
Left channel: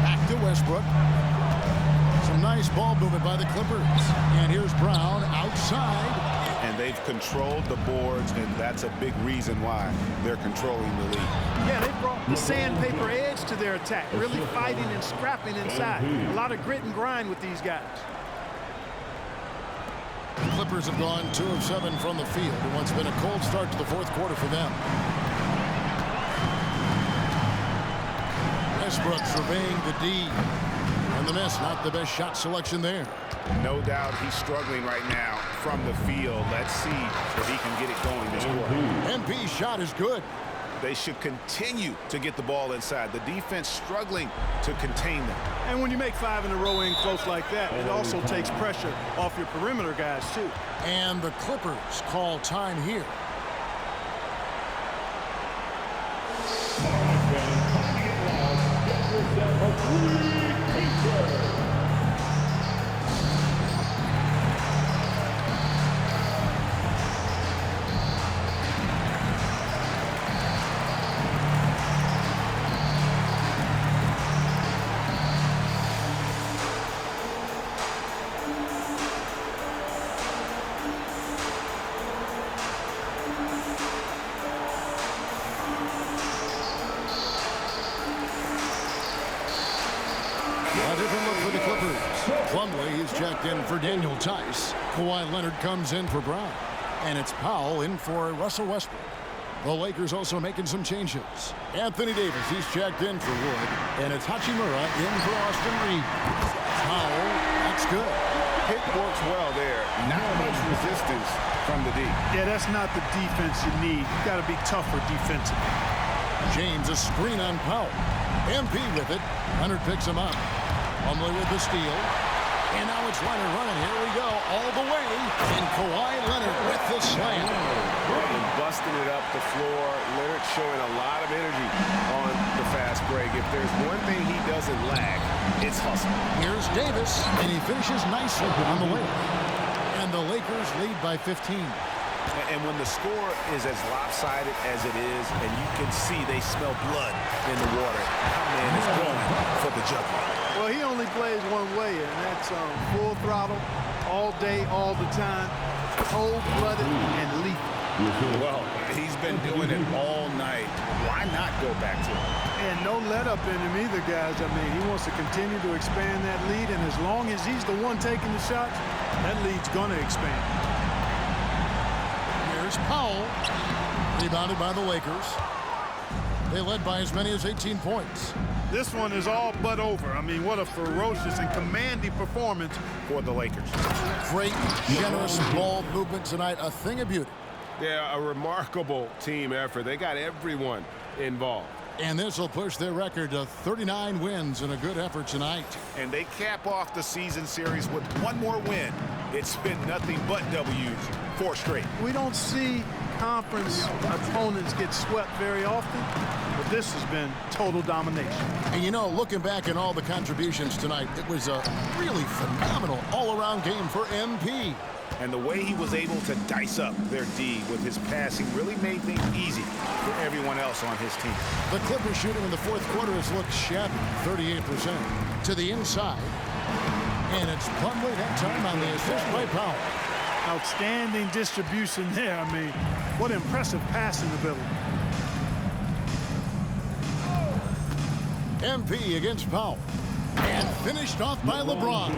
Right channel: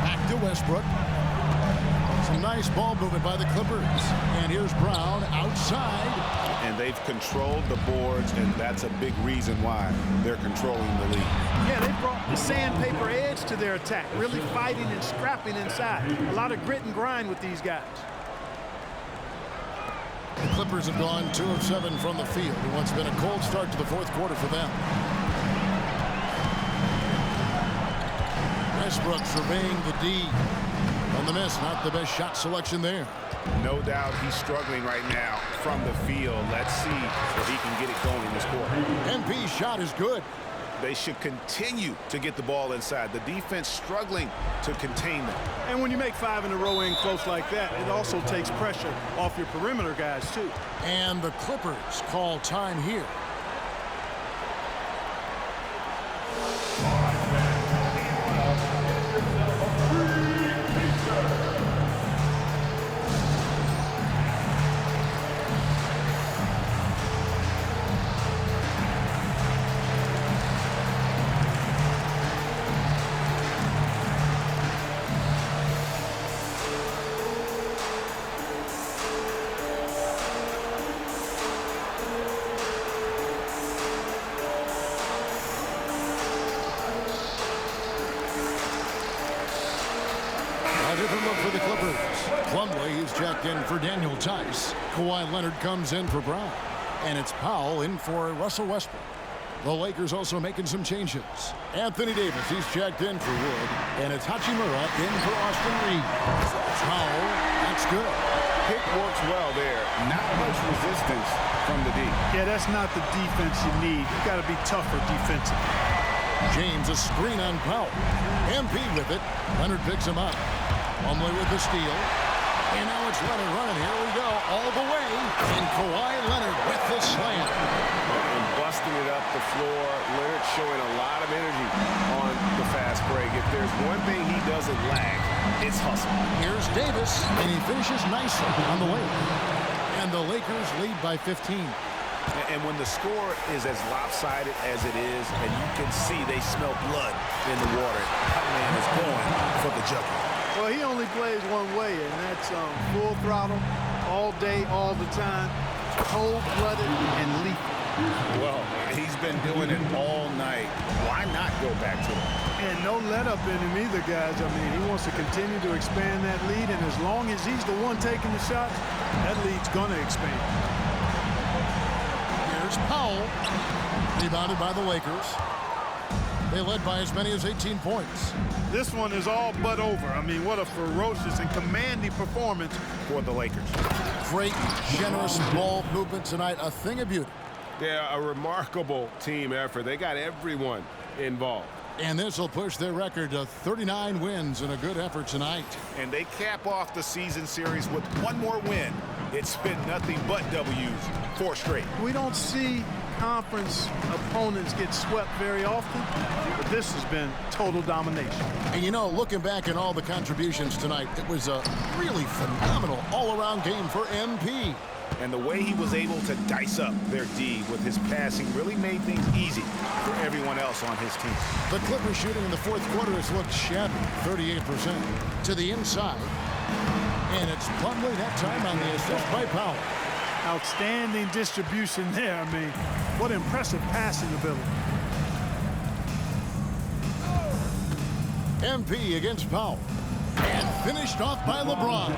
Back to Westbrook. Some nice ball movement by the Clippers. And here's Brown outside. And they've controlled the boards, and that's a big reason why they're controlling the lead. Yeah, they brought the sandpaper edge to their attack, really fighting and scrapping inside. A lot of grit and grind with these guys. The Clippers have gone 2 of 7 from the field in what's been a cold start to the fourth quarter for them. Westbrook surveying the D. And the miss, not the best shot selection there. No doubt he's struggling right now from the field. Let's see if he can get it going this quarter. MP's shot is good. They should continue to get the ball inside. The defense struggling to contain them. And when you make 5 in a row in close like that, it also takes pressure off your perimeter guys, too. And the Clippers call time here. All right, fans, time to get loud. Get yourself a free pizza. A different look for the Clippers. Plumlee is checked in for Daniel Tice. Kawhi Leonard comes in for Brown. And it's Powell in for Russell Westbrook. The Lakers also making some changes. Anthony Davis, he's checked in for Wood. And it's Hachimura in for Austin Reeves. Powell, that's good. Pick works well there. Not much resistance from the D. Yeah, that's not the defense you need. You got to be tougher defensively. James, a screen on Powell. MP with it. Leonard picks him up. Plumlee with the steal. And now it's Leonard running. Here we go. All the way. And Kawhi Leonard with the slam. And busting it up the floor. Leonard showing a lot of energy on the fast break. If there's one thing he doesn't lack, it's hustle. Here's Davis. And he finishes nicely on the layup. And the Lakers lead by 15. And when the score is as lopsided as it is, and you can see they smell blood in the water, our man is going for the jugular. Well, he only plays one way, and that's full throttle, all day, all the time, cold-blooded and lethal. Well, he's been doing it all night. Why not go back to it? And no let-up in him either, guys. I mean, he wants to continue to expand that lead, and as long as he's the one taking the shots, that lead's going to expand. Here's Powell. Rebounded by the Lakers. They led by as many as 18 points. This one is all but over. I mean, what a ferocious and commanding performance for the Lakers. Great, generous ball movement tonight. A thing of beauty. Yeah, a remarkable team effort. They got everyone involved. And this will push their record to 39 wins and a good effort tonight. And they cap off the season series with one more win. It's been nothing but W's, 4 straight. We don't see conference opponents get swept very often, but this has been total domination. And you know, looking back at all the contributions tonight, it was a really phenomenal all-around game for MP. And the way he was able to dice up their D with his passing really made things easy for everyone else on his team. The Clippers shooting in the fourth quarter has looked shabby, 38%. To the inside. And it's Plumlee that time on the assist by Powell. Outstanding distribution there. I mean, what impressive passing ability. MP against Powell. And finished off by LeBron.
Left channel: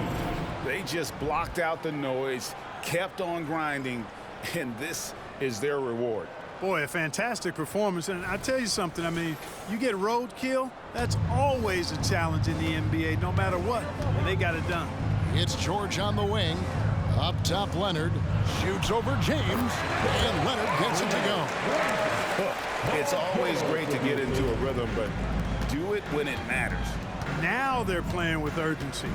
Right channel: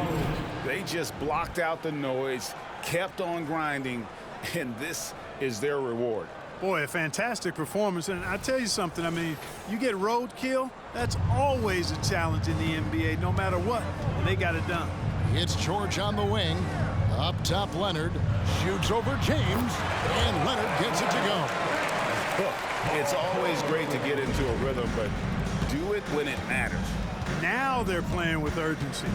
They just blocked out the noise, kept on grinding, and this is their reward. Boy, a fantastic performance. And I tell you something, I mean, you get roadkill, that's always a challenge in the NBA, no matter what. And they got it done. It's George on the wing. Up top, Leonard shoots over James, and Leonard gets it to go. Look, it's always great to get into a rhythm, but do it when it matters. Now they're playing with urgency.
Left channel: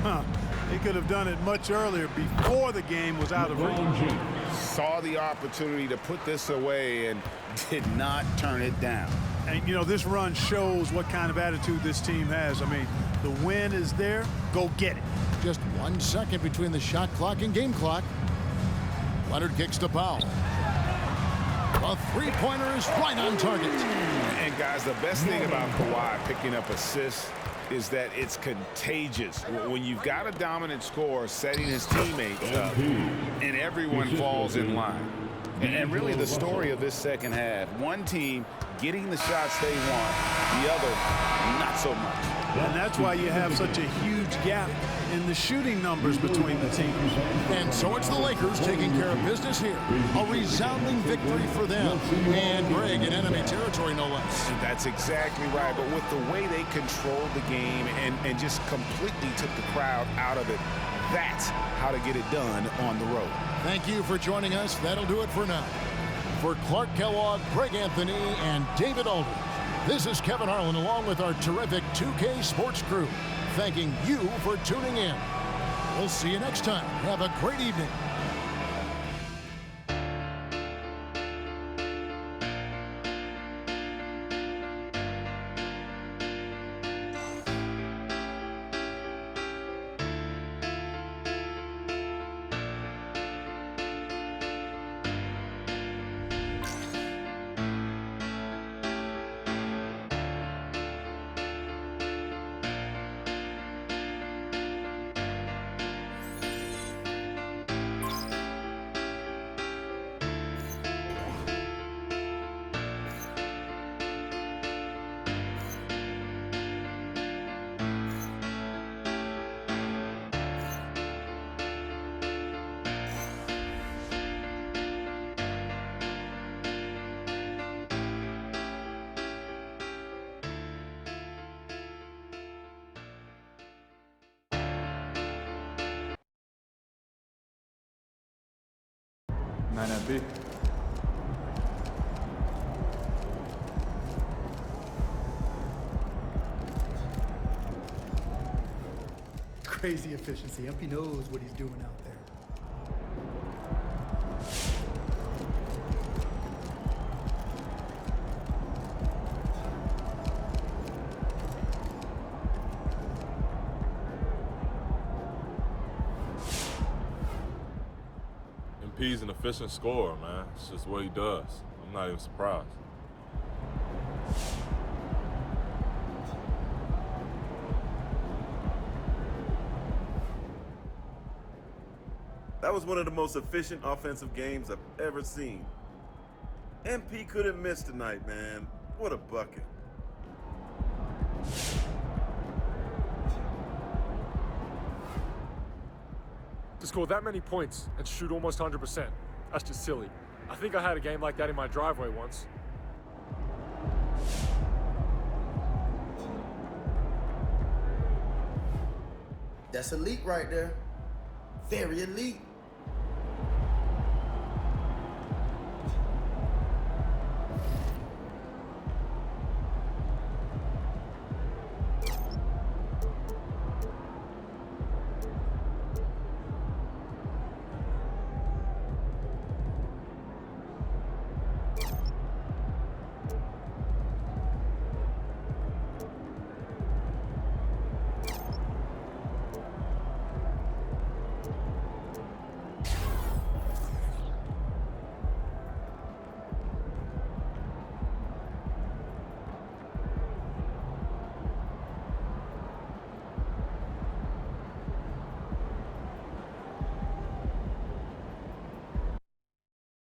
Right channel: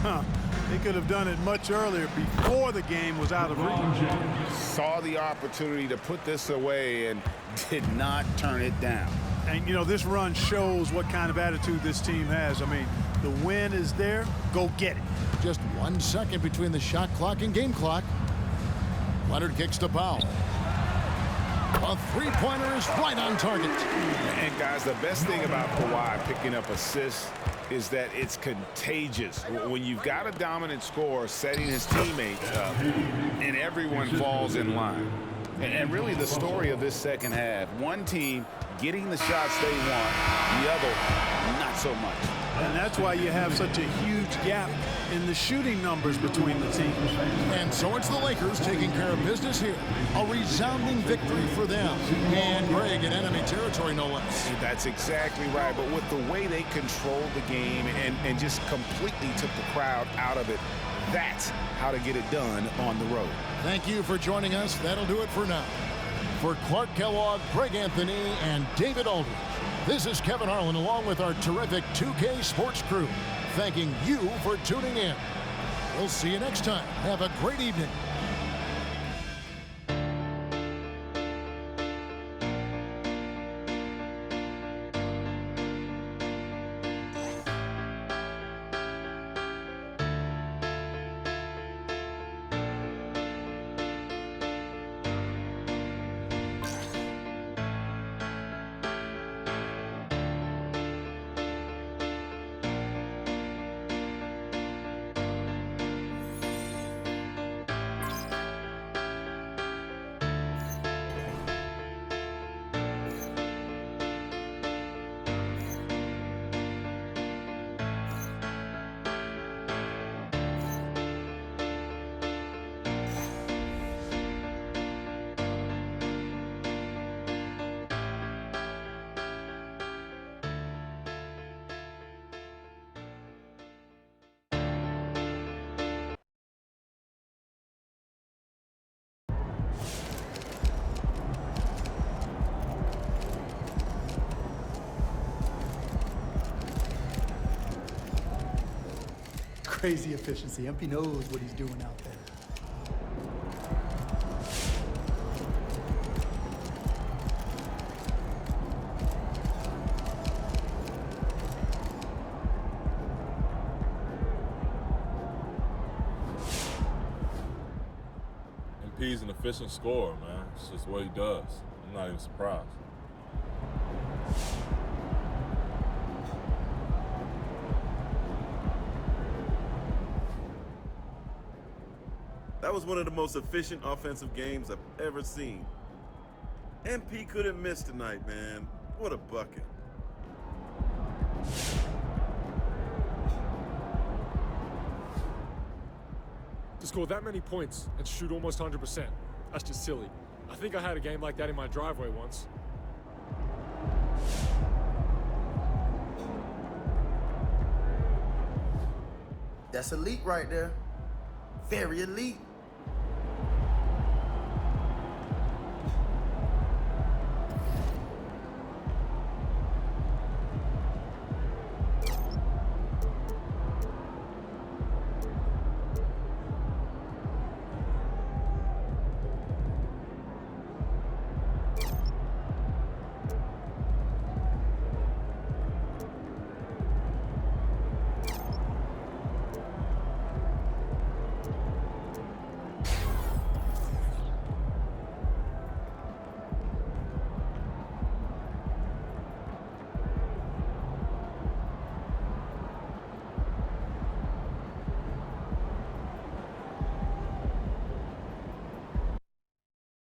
They could have done it much earlier before the game was out of reach. Saw the opportunity to put this away and did not turn it down. And, you know, this run shows what kind of attitude this team has. I mean, the win is there. Go get it. Just 1 second between the shot clock and game clock. Leonard kicks to Powell. A three-pointer is right on target. And guys, the best thing about Kawhi picking up assists is that it's contagious. When you've got a dominant scorer setting his teammates up and everyone falls in line. And really the story of this second half, one team getting the shots they want, the other not so much. And that's why you have such a huge gap in the shooting numbers between the teams. And so it's the Lakers taking care of business here. A resounding victory for them. And Greg in enemy territory, no less. And that's exactly right. But with the way they controlled the game and just completely took the crowd out of it, that's how to get it done on the road. Thank you for joining us. That'll do it for now. For Clark Kellogg, Greg Anthony, and David Aldridge, this is Kevin Harlan along with our terrific 2K Sports crew, thanking you for tuning in. We'll see you next time. Have a great evening. Crazy efficiency. MP knows what he's doing out there. MP's an efficient scorer, man. It's just what he does. I'm not even surprised. That was one of the most efficient offensive games I've ever seen. MP couldn't miss tonight, man. What a bucket. To score that many points and shoot almost 100%, that's just silly. I think I had a game like that in my driveway once. That's elite right there. Very elite.